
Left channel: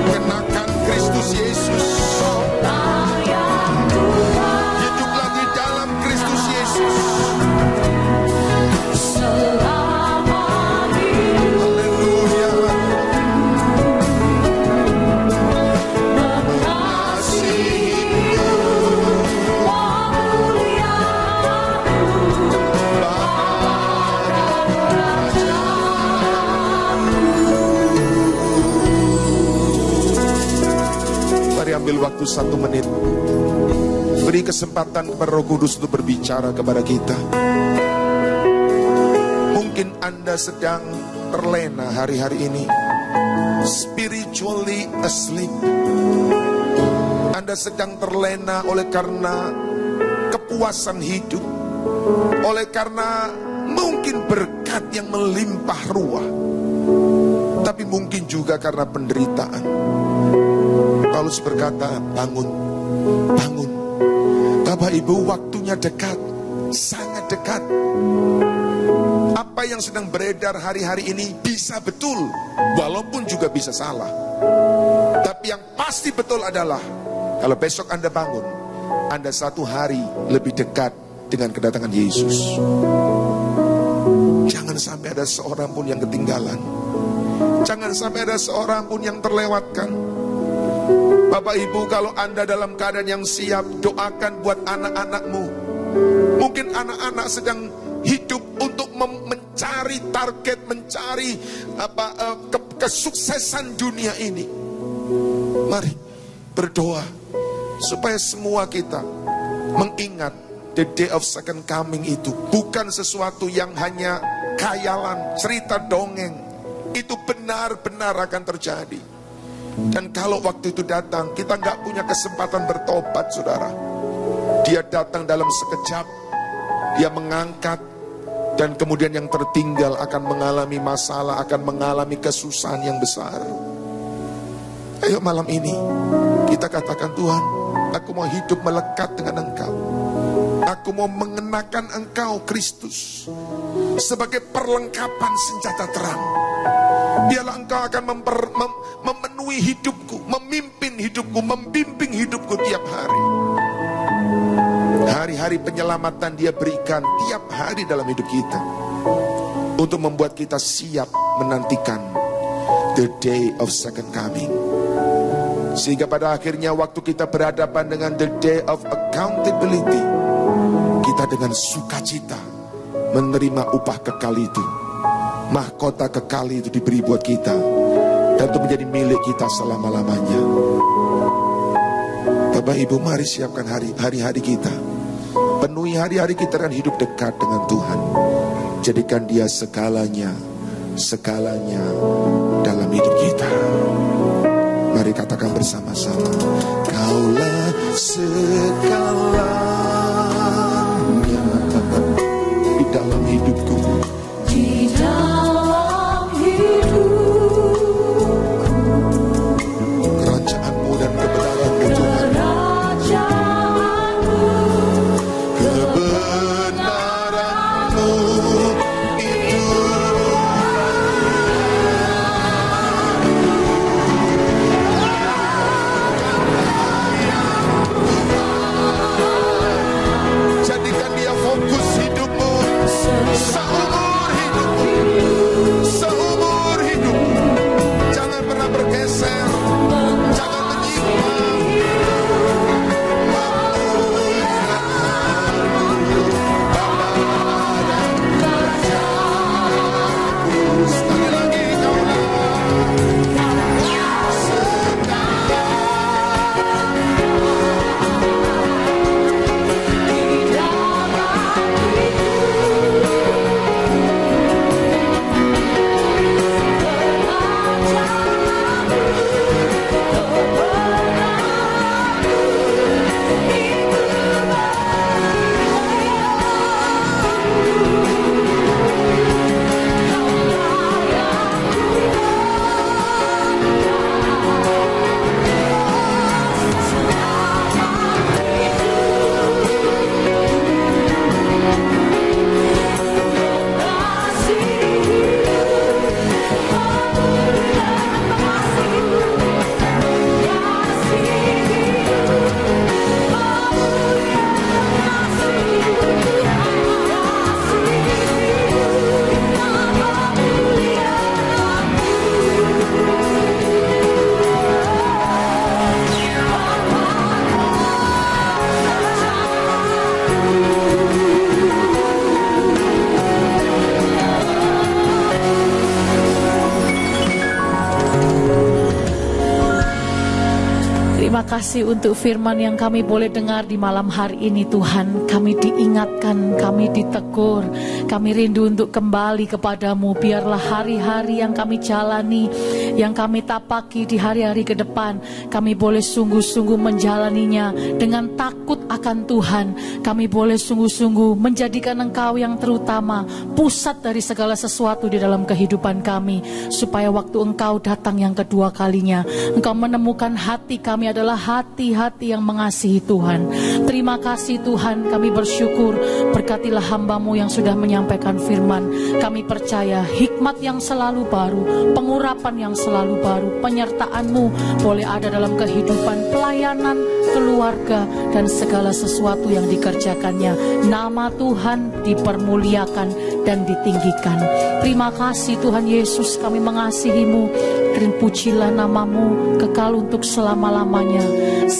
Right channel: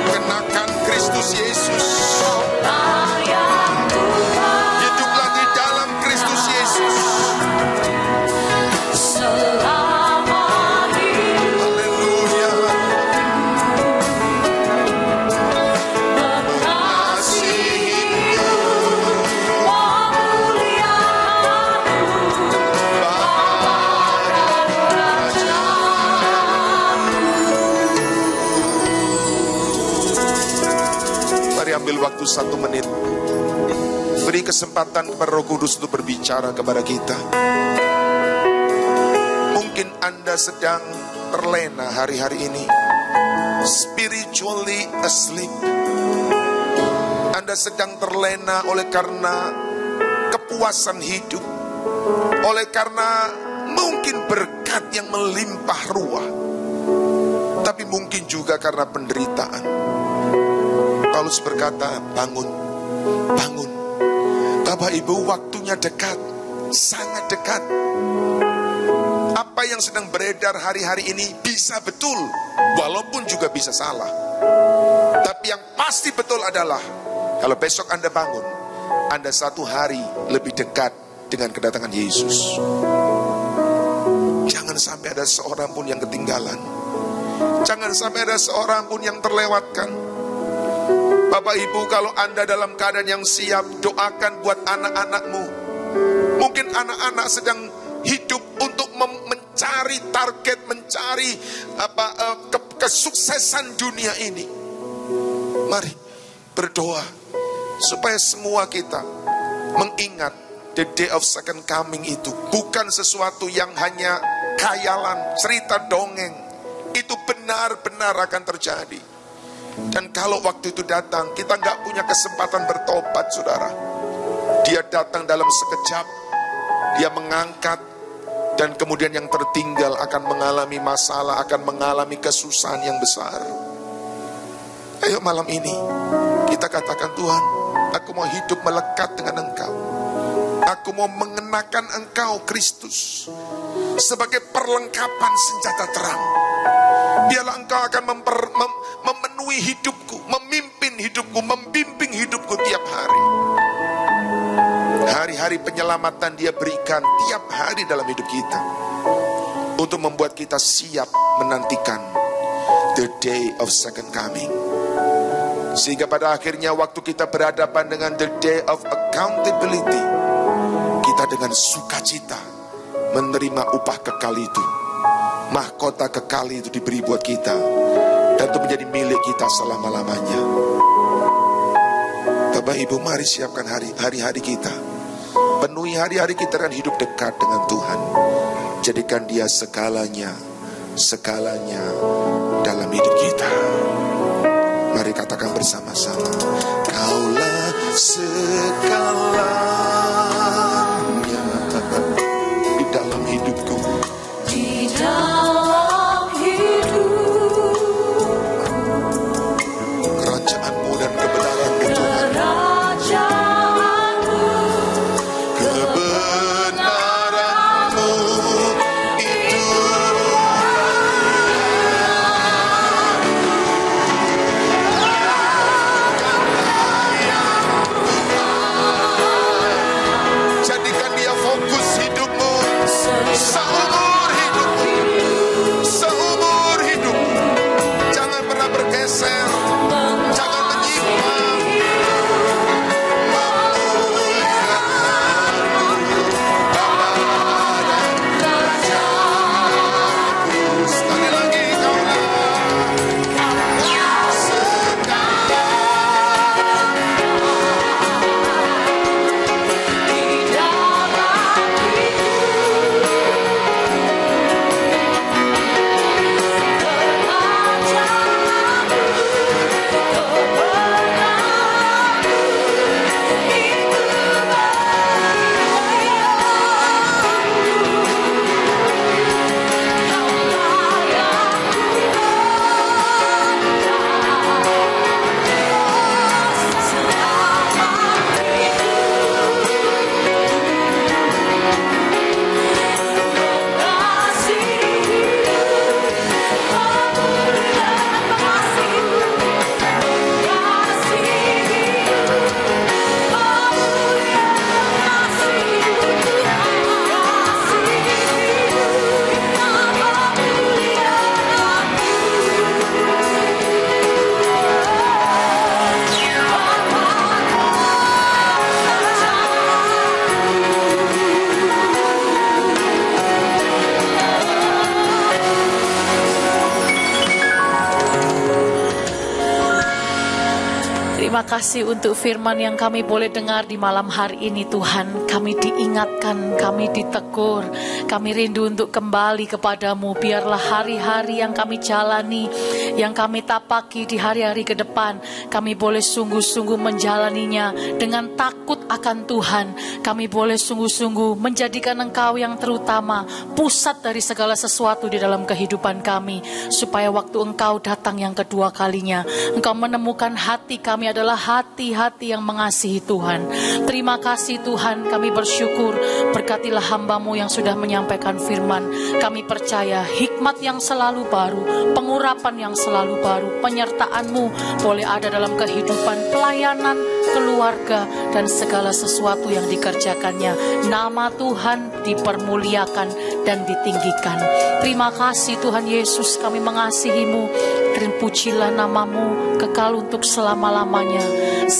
kenakan Kristus Yesus. Hiduplah di dalam Kristus Yesus. Haleluya. Mari ambil waktu 1 menit. Beri kesempatan kepada Roh Kudus untuk berbicara kepada kita. Mungkin Anda sedang terlena hari-hari ini, spiritually asleep. Anda sedang terlena oleh karena kepuasan hidup, oleh karena mungkin berkat yang melimpah ruah, tapi mungkin juga karena penderitaan. Paulus berkata, bangun, bangun. Bapak Ibu, waktunya dekat, sangat dekat. Apa yang sedang beredar hari-hari ini bisa betul, walaupun juga bisa salah. Tapi yang pasti betul adalah, kalau besok Anda bangun, Anda satu hari lebih dekat dengan kedatangan Yesus. Jangan sampai ada seorang pun yang ketinggalan. Jangan sampai ada seorang pun yang terlewatkan. Bapak Ibu, kalau Anda dalam keadaan yang siap, doakan buat anak-anakmu. Mungkin anak-anak sedang hidup untuk mencari target, mencari kesuksesan dunia ini. Mari berdoa supaya semua kita mengingat the day of second coming itu bukan sesuatu yang hanya khayalan, cerita dongeng. Itu benar-benar akan terjadi. Dan kalau waktu itu datang, kita nggak punya kesempatan bertobat, saudara. Dia datang dalam sekejap, dia mengangkat, dan kemudian yang tertinggal akan mengalami masalah, akan mengalami kesusahan yang besar. Ayo malam ini, kita katakan, Tuhan, aku mau hidup melekat dengan Engkau. Aku mau mengenakan Engkau, Kristus, sebagai perlengkapan senjata terang. Biarlah Engkau akan memenuhi hidupku, memimpin hidupku, membimbing hidupku tiap hari. Hari-hari penyelamatan Dia berikan tiap hari dalam hidup kita, untuk membuat kita siap menantikan the day of second coming. Sehingga pada akhirnya waktu kita berhadapan dengan the day of accountability, kita dengan sukacita menerima upah kekal itu. Mahkota kekal itu diberi buat kita, dan itu menjadi milik kita selama-lamanya. Bapak Ibu, mari siapkan hari-hari kita. Penuhi hari-hari kita dengan hidup dekat dengan Tuhan. Jadikan Dia segalanya dalam hidup kita. Mari katakan bersama-sama, Kaulah segalanya di dalam hidupku. Di dalam hidupku, Kerajaanmu dan kebenaranmu, Tuhan. Kebenaranmu itu Terima kasih untuk firman yang kami boleh dengar di malam hari ini Tuhan. Kami diingatkan, kami ditegur, kami rindu untuk kembali kepadamu. Biarlah hari-hari yang kami jalani, yang kami tapaki di hari-hari ke depan, kami boleh sungguh-sungguh menjalaninya dengan takut akan Tuhan. Kami boleh sungguh-sungguh menjadikan Engkau yang terutama, pusat dari segala sesuatu di dalam kehidupan kami. Supaya waktu Engkau datang yang kedua kalinya, Engkau menemukan hati kami adalah hati-hati yang mengasihi Tuhan. Terima kasih Tuhan, kami bersyukur. Berkatilah hamba-Mu yang sudah menyampaikan firman. Kami percaya hikmat yang selalu baru, pengurapan yang selalu baru, penyertaan-Mu boleh ada dalam kehidupan, pelayanan, keluarga, dan segala sesuatu yang dikerjakannya. Nama Tuhan dipermuliakan dan ditinggikan. Terima kasih Tuhan Yesus, kami mengasihi-Mu. Dan pujilah nama-Mu kekal untuk selama-lamanya.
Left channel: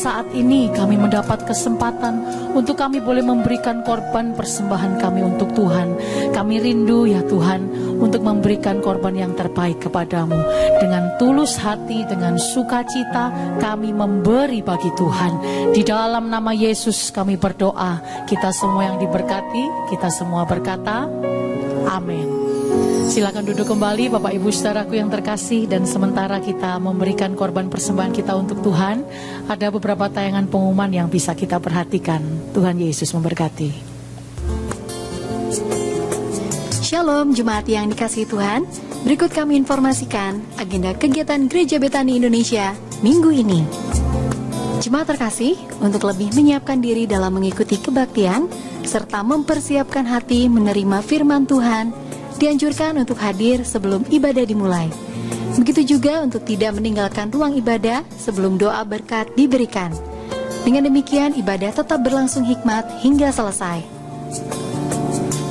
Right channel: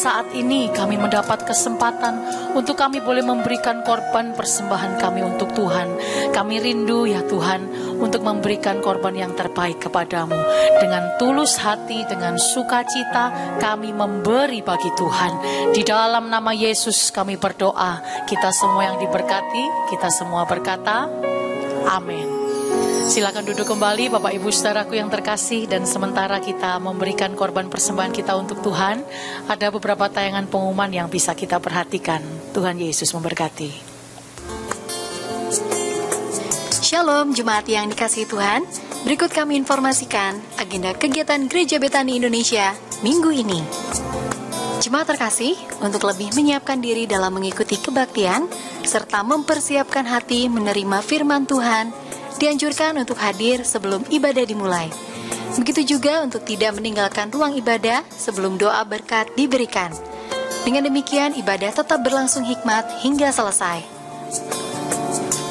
Saat ini kami mendapat kesempatan untuk kami boleh memberikan korban persembahan kami untuk Tuhan. Kami rindu ya Tuhan untuk memberikan korban yang terbaik kepadamu. Dengan tulus hati, dengan sukacita kami memberi bagi Tuhan. Di dalam nama Yesus kami berdoa. Kita semua yang diberkati, kita semua berkata amin. Silakan duduk kembali Bapak Ibu Saudaraku yang terkasih. Dan sementara kita memberikan korban persembahan kita untuk Tuhan, ada beberapa tayangan pengumuman yang bisa kita perhatikan. Tuhan Yesus memberkati. Shalom jemaat yang dikasihi Tuhan. Berikut kami informasikan agenda kegiatan Gereja Betani Indonesia minggu ini. Jemaat terkasih, untuk lebih menyiapkan diri dalam mengikuti kebaktian serta mempersiapkan hati menerima firman Tuhan, dianjurkan untuk hadir sebelum ibadah dimulai. Begitu juga untuk tidak meninggalkan ruang ibadah sebelum doa berkat diberikan. Dengan demikian ibadah tetap berlangsung hikmat hingga selesai.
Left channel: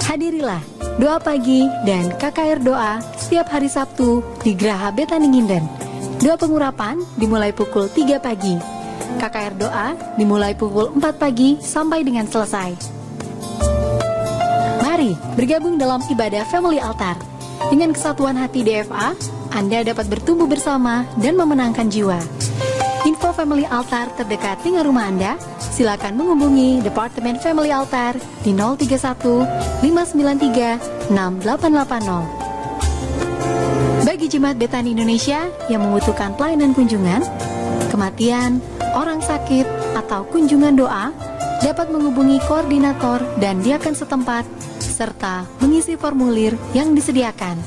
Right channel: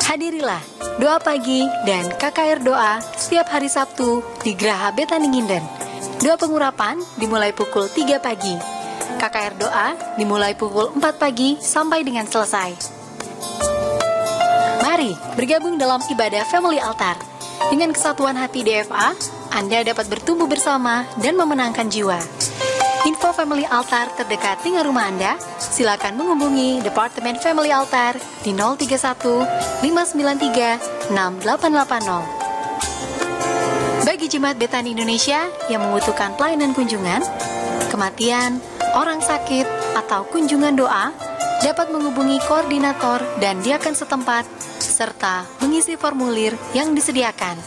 Hadirilah doa pagi dan KKR doa setiap hari Sabtu di Geraha Betani Nginden. Doa pengurapan dimulai pukul 3 pagi. KKR doa dimulai pukul 4 pagi sampai dengan selesai. Mari bergabung dalam ibadah Family Altar. Dengan kesatuan hati DFA, Anda dapat bertumbuh bersama dan memenangkan jiwa. Info Family Altar terdekat dengan rumah Anda, silakan menghubungi Departemen Family Altar di 031 593 6880. Bagi Jemaat Betani Indonesia yang membutuhkan pelayanan kunjungan, kematian, orang sakit, atau kunjungan doa, dapat menghubungi koordinator dan diakan setempat serta mengisi formulir yang disediakan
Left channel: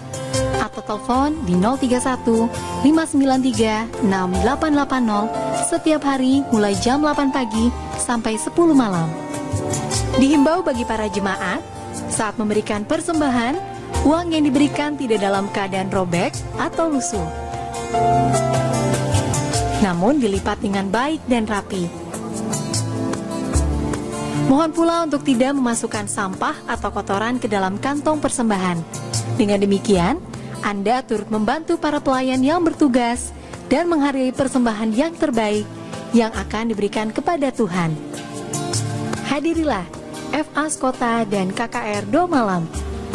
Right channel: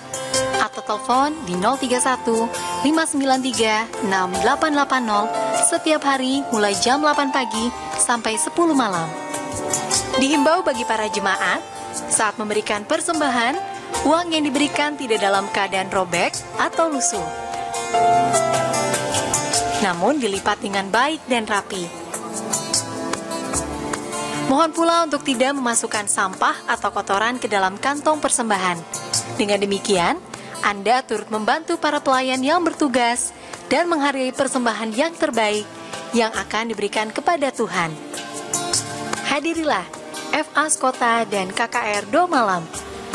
atau telepon di 031 593 6880 setiap hari mulai jam 8 pagi sampai 10 malam. Dihimbau bagi para jemaat, saat memberikan persembahan, uang yang diberikan tidak dalam keadaan robek atau lusuh, namun dilipat dengan baik dan rapi. Mohon pula untuk tidak memasukkan sampah atau kotoran ke dalam kantong persembahan. Dengan demikian, Anda turut membantu para pelayan yang bertugas dan menghargai persembahan yang terbaik yang akan diberikan kepada Tuhan. Hadirilah FAS Kota dan KKR Doa Malam,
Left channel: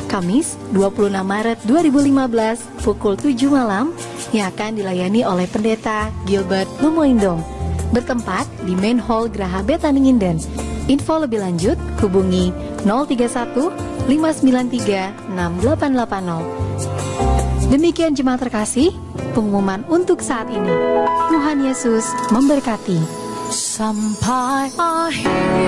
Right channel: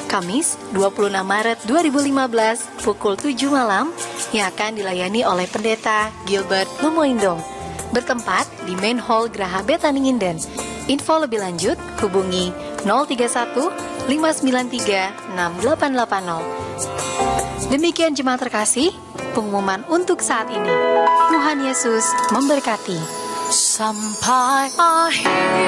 Kamis 26 Maret 2015 pukul 7 malam yang akan dilayani oleh Pendeta Gilbert Lumoindong, bertempat di Main Hall Geraha Betani Nginden. Info lebih lanjut hubungi 031 593 6880. Demikian jemaat terkasih, pengumuman untuk saat ini. Tuhan Yesus memberkati. Sampai akhir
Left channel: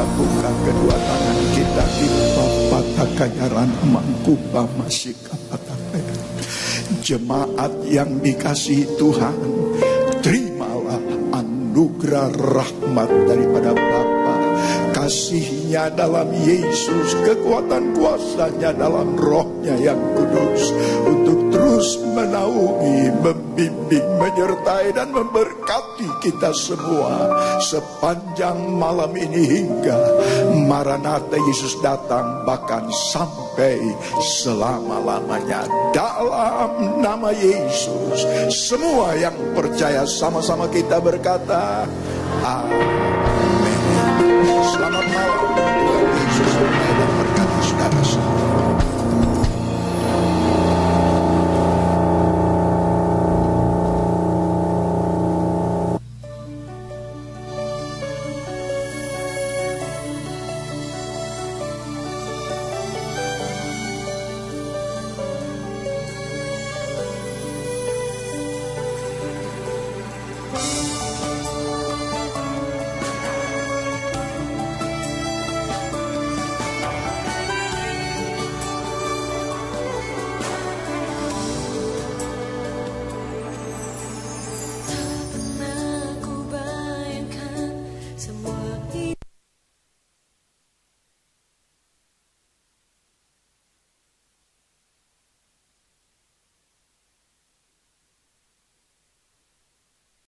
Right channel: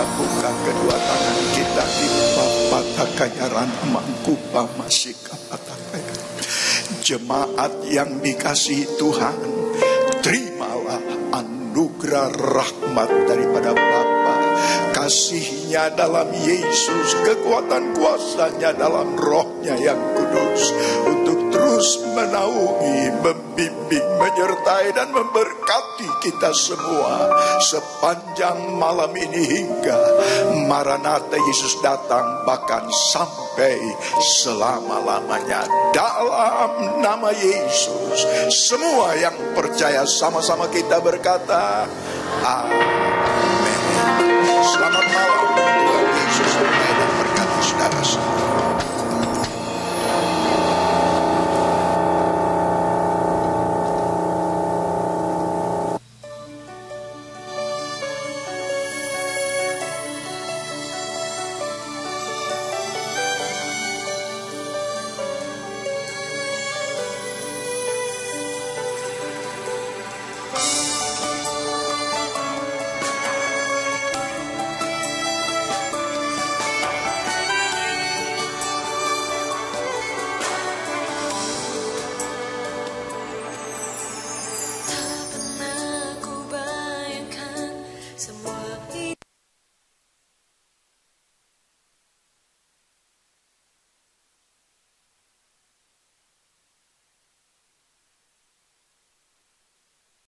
kita buka kedua tangan kita di Bapa Takayaran Mangkuba masih Kapatakayaran. Jemaat yang dikasihi Tuhan, terimalah anugerah rahmat daripada Bapa, kasihnya dalam Yesus, kekuatan kuasanya dalam rohnya yang kudus, untuk terus menaungi, membimbing, menyertai dan memberkati kita semua sepanjang malam ini hingga Maranatha Yesus datang, bahkan sampai selama-lamanya. Dalam nama Yesus, semua yang percaya sama-sama kita berkata amin. Selamat malam. Tuhan Yesus memberkati saudara semua.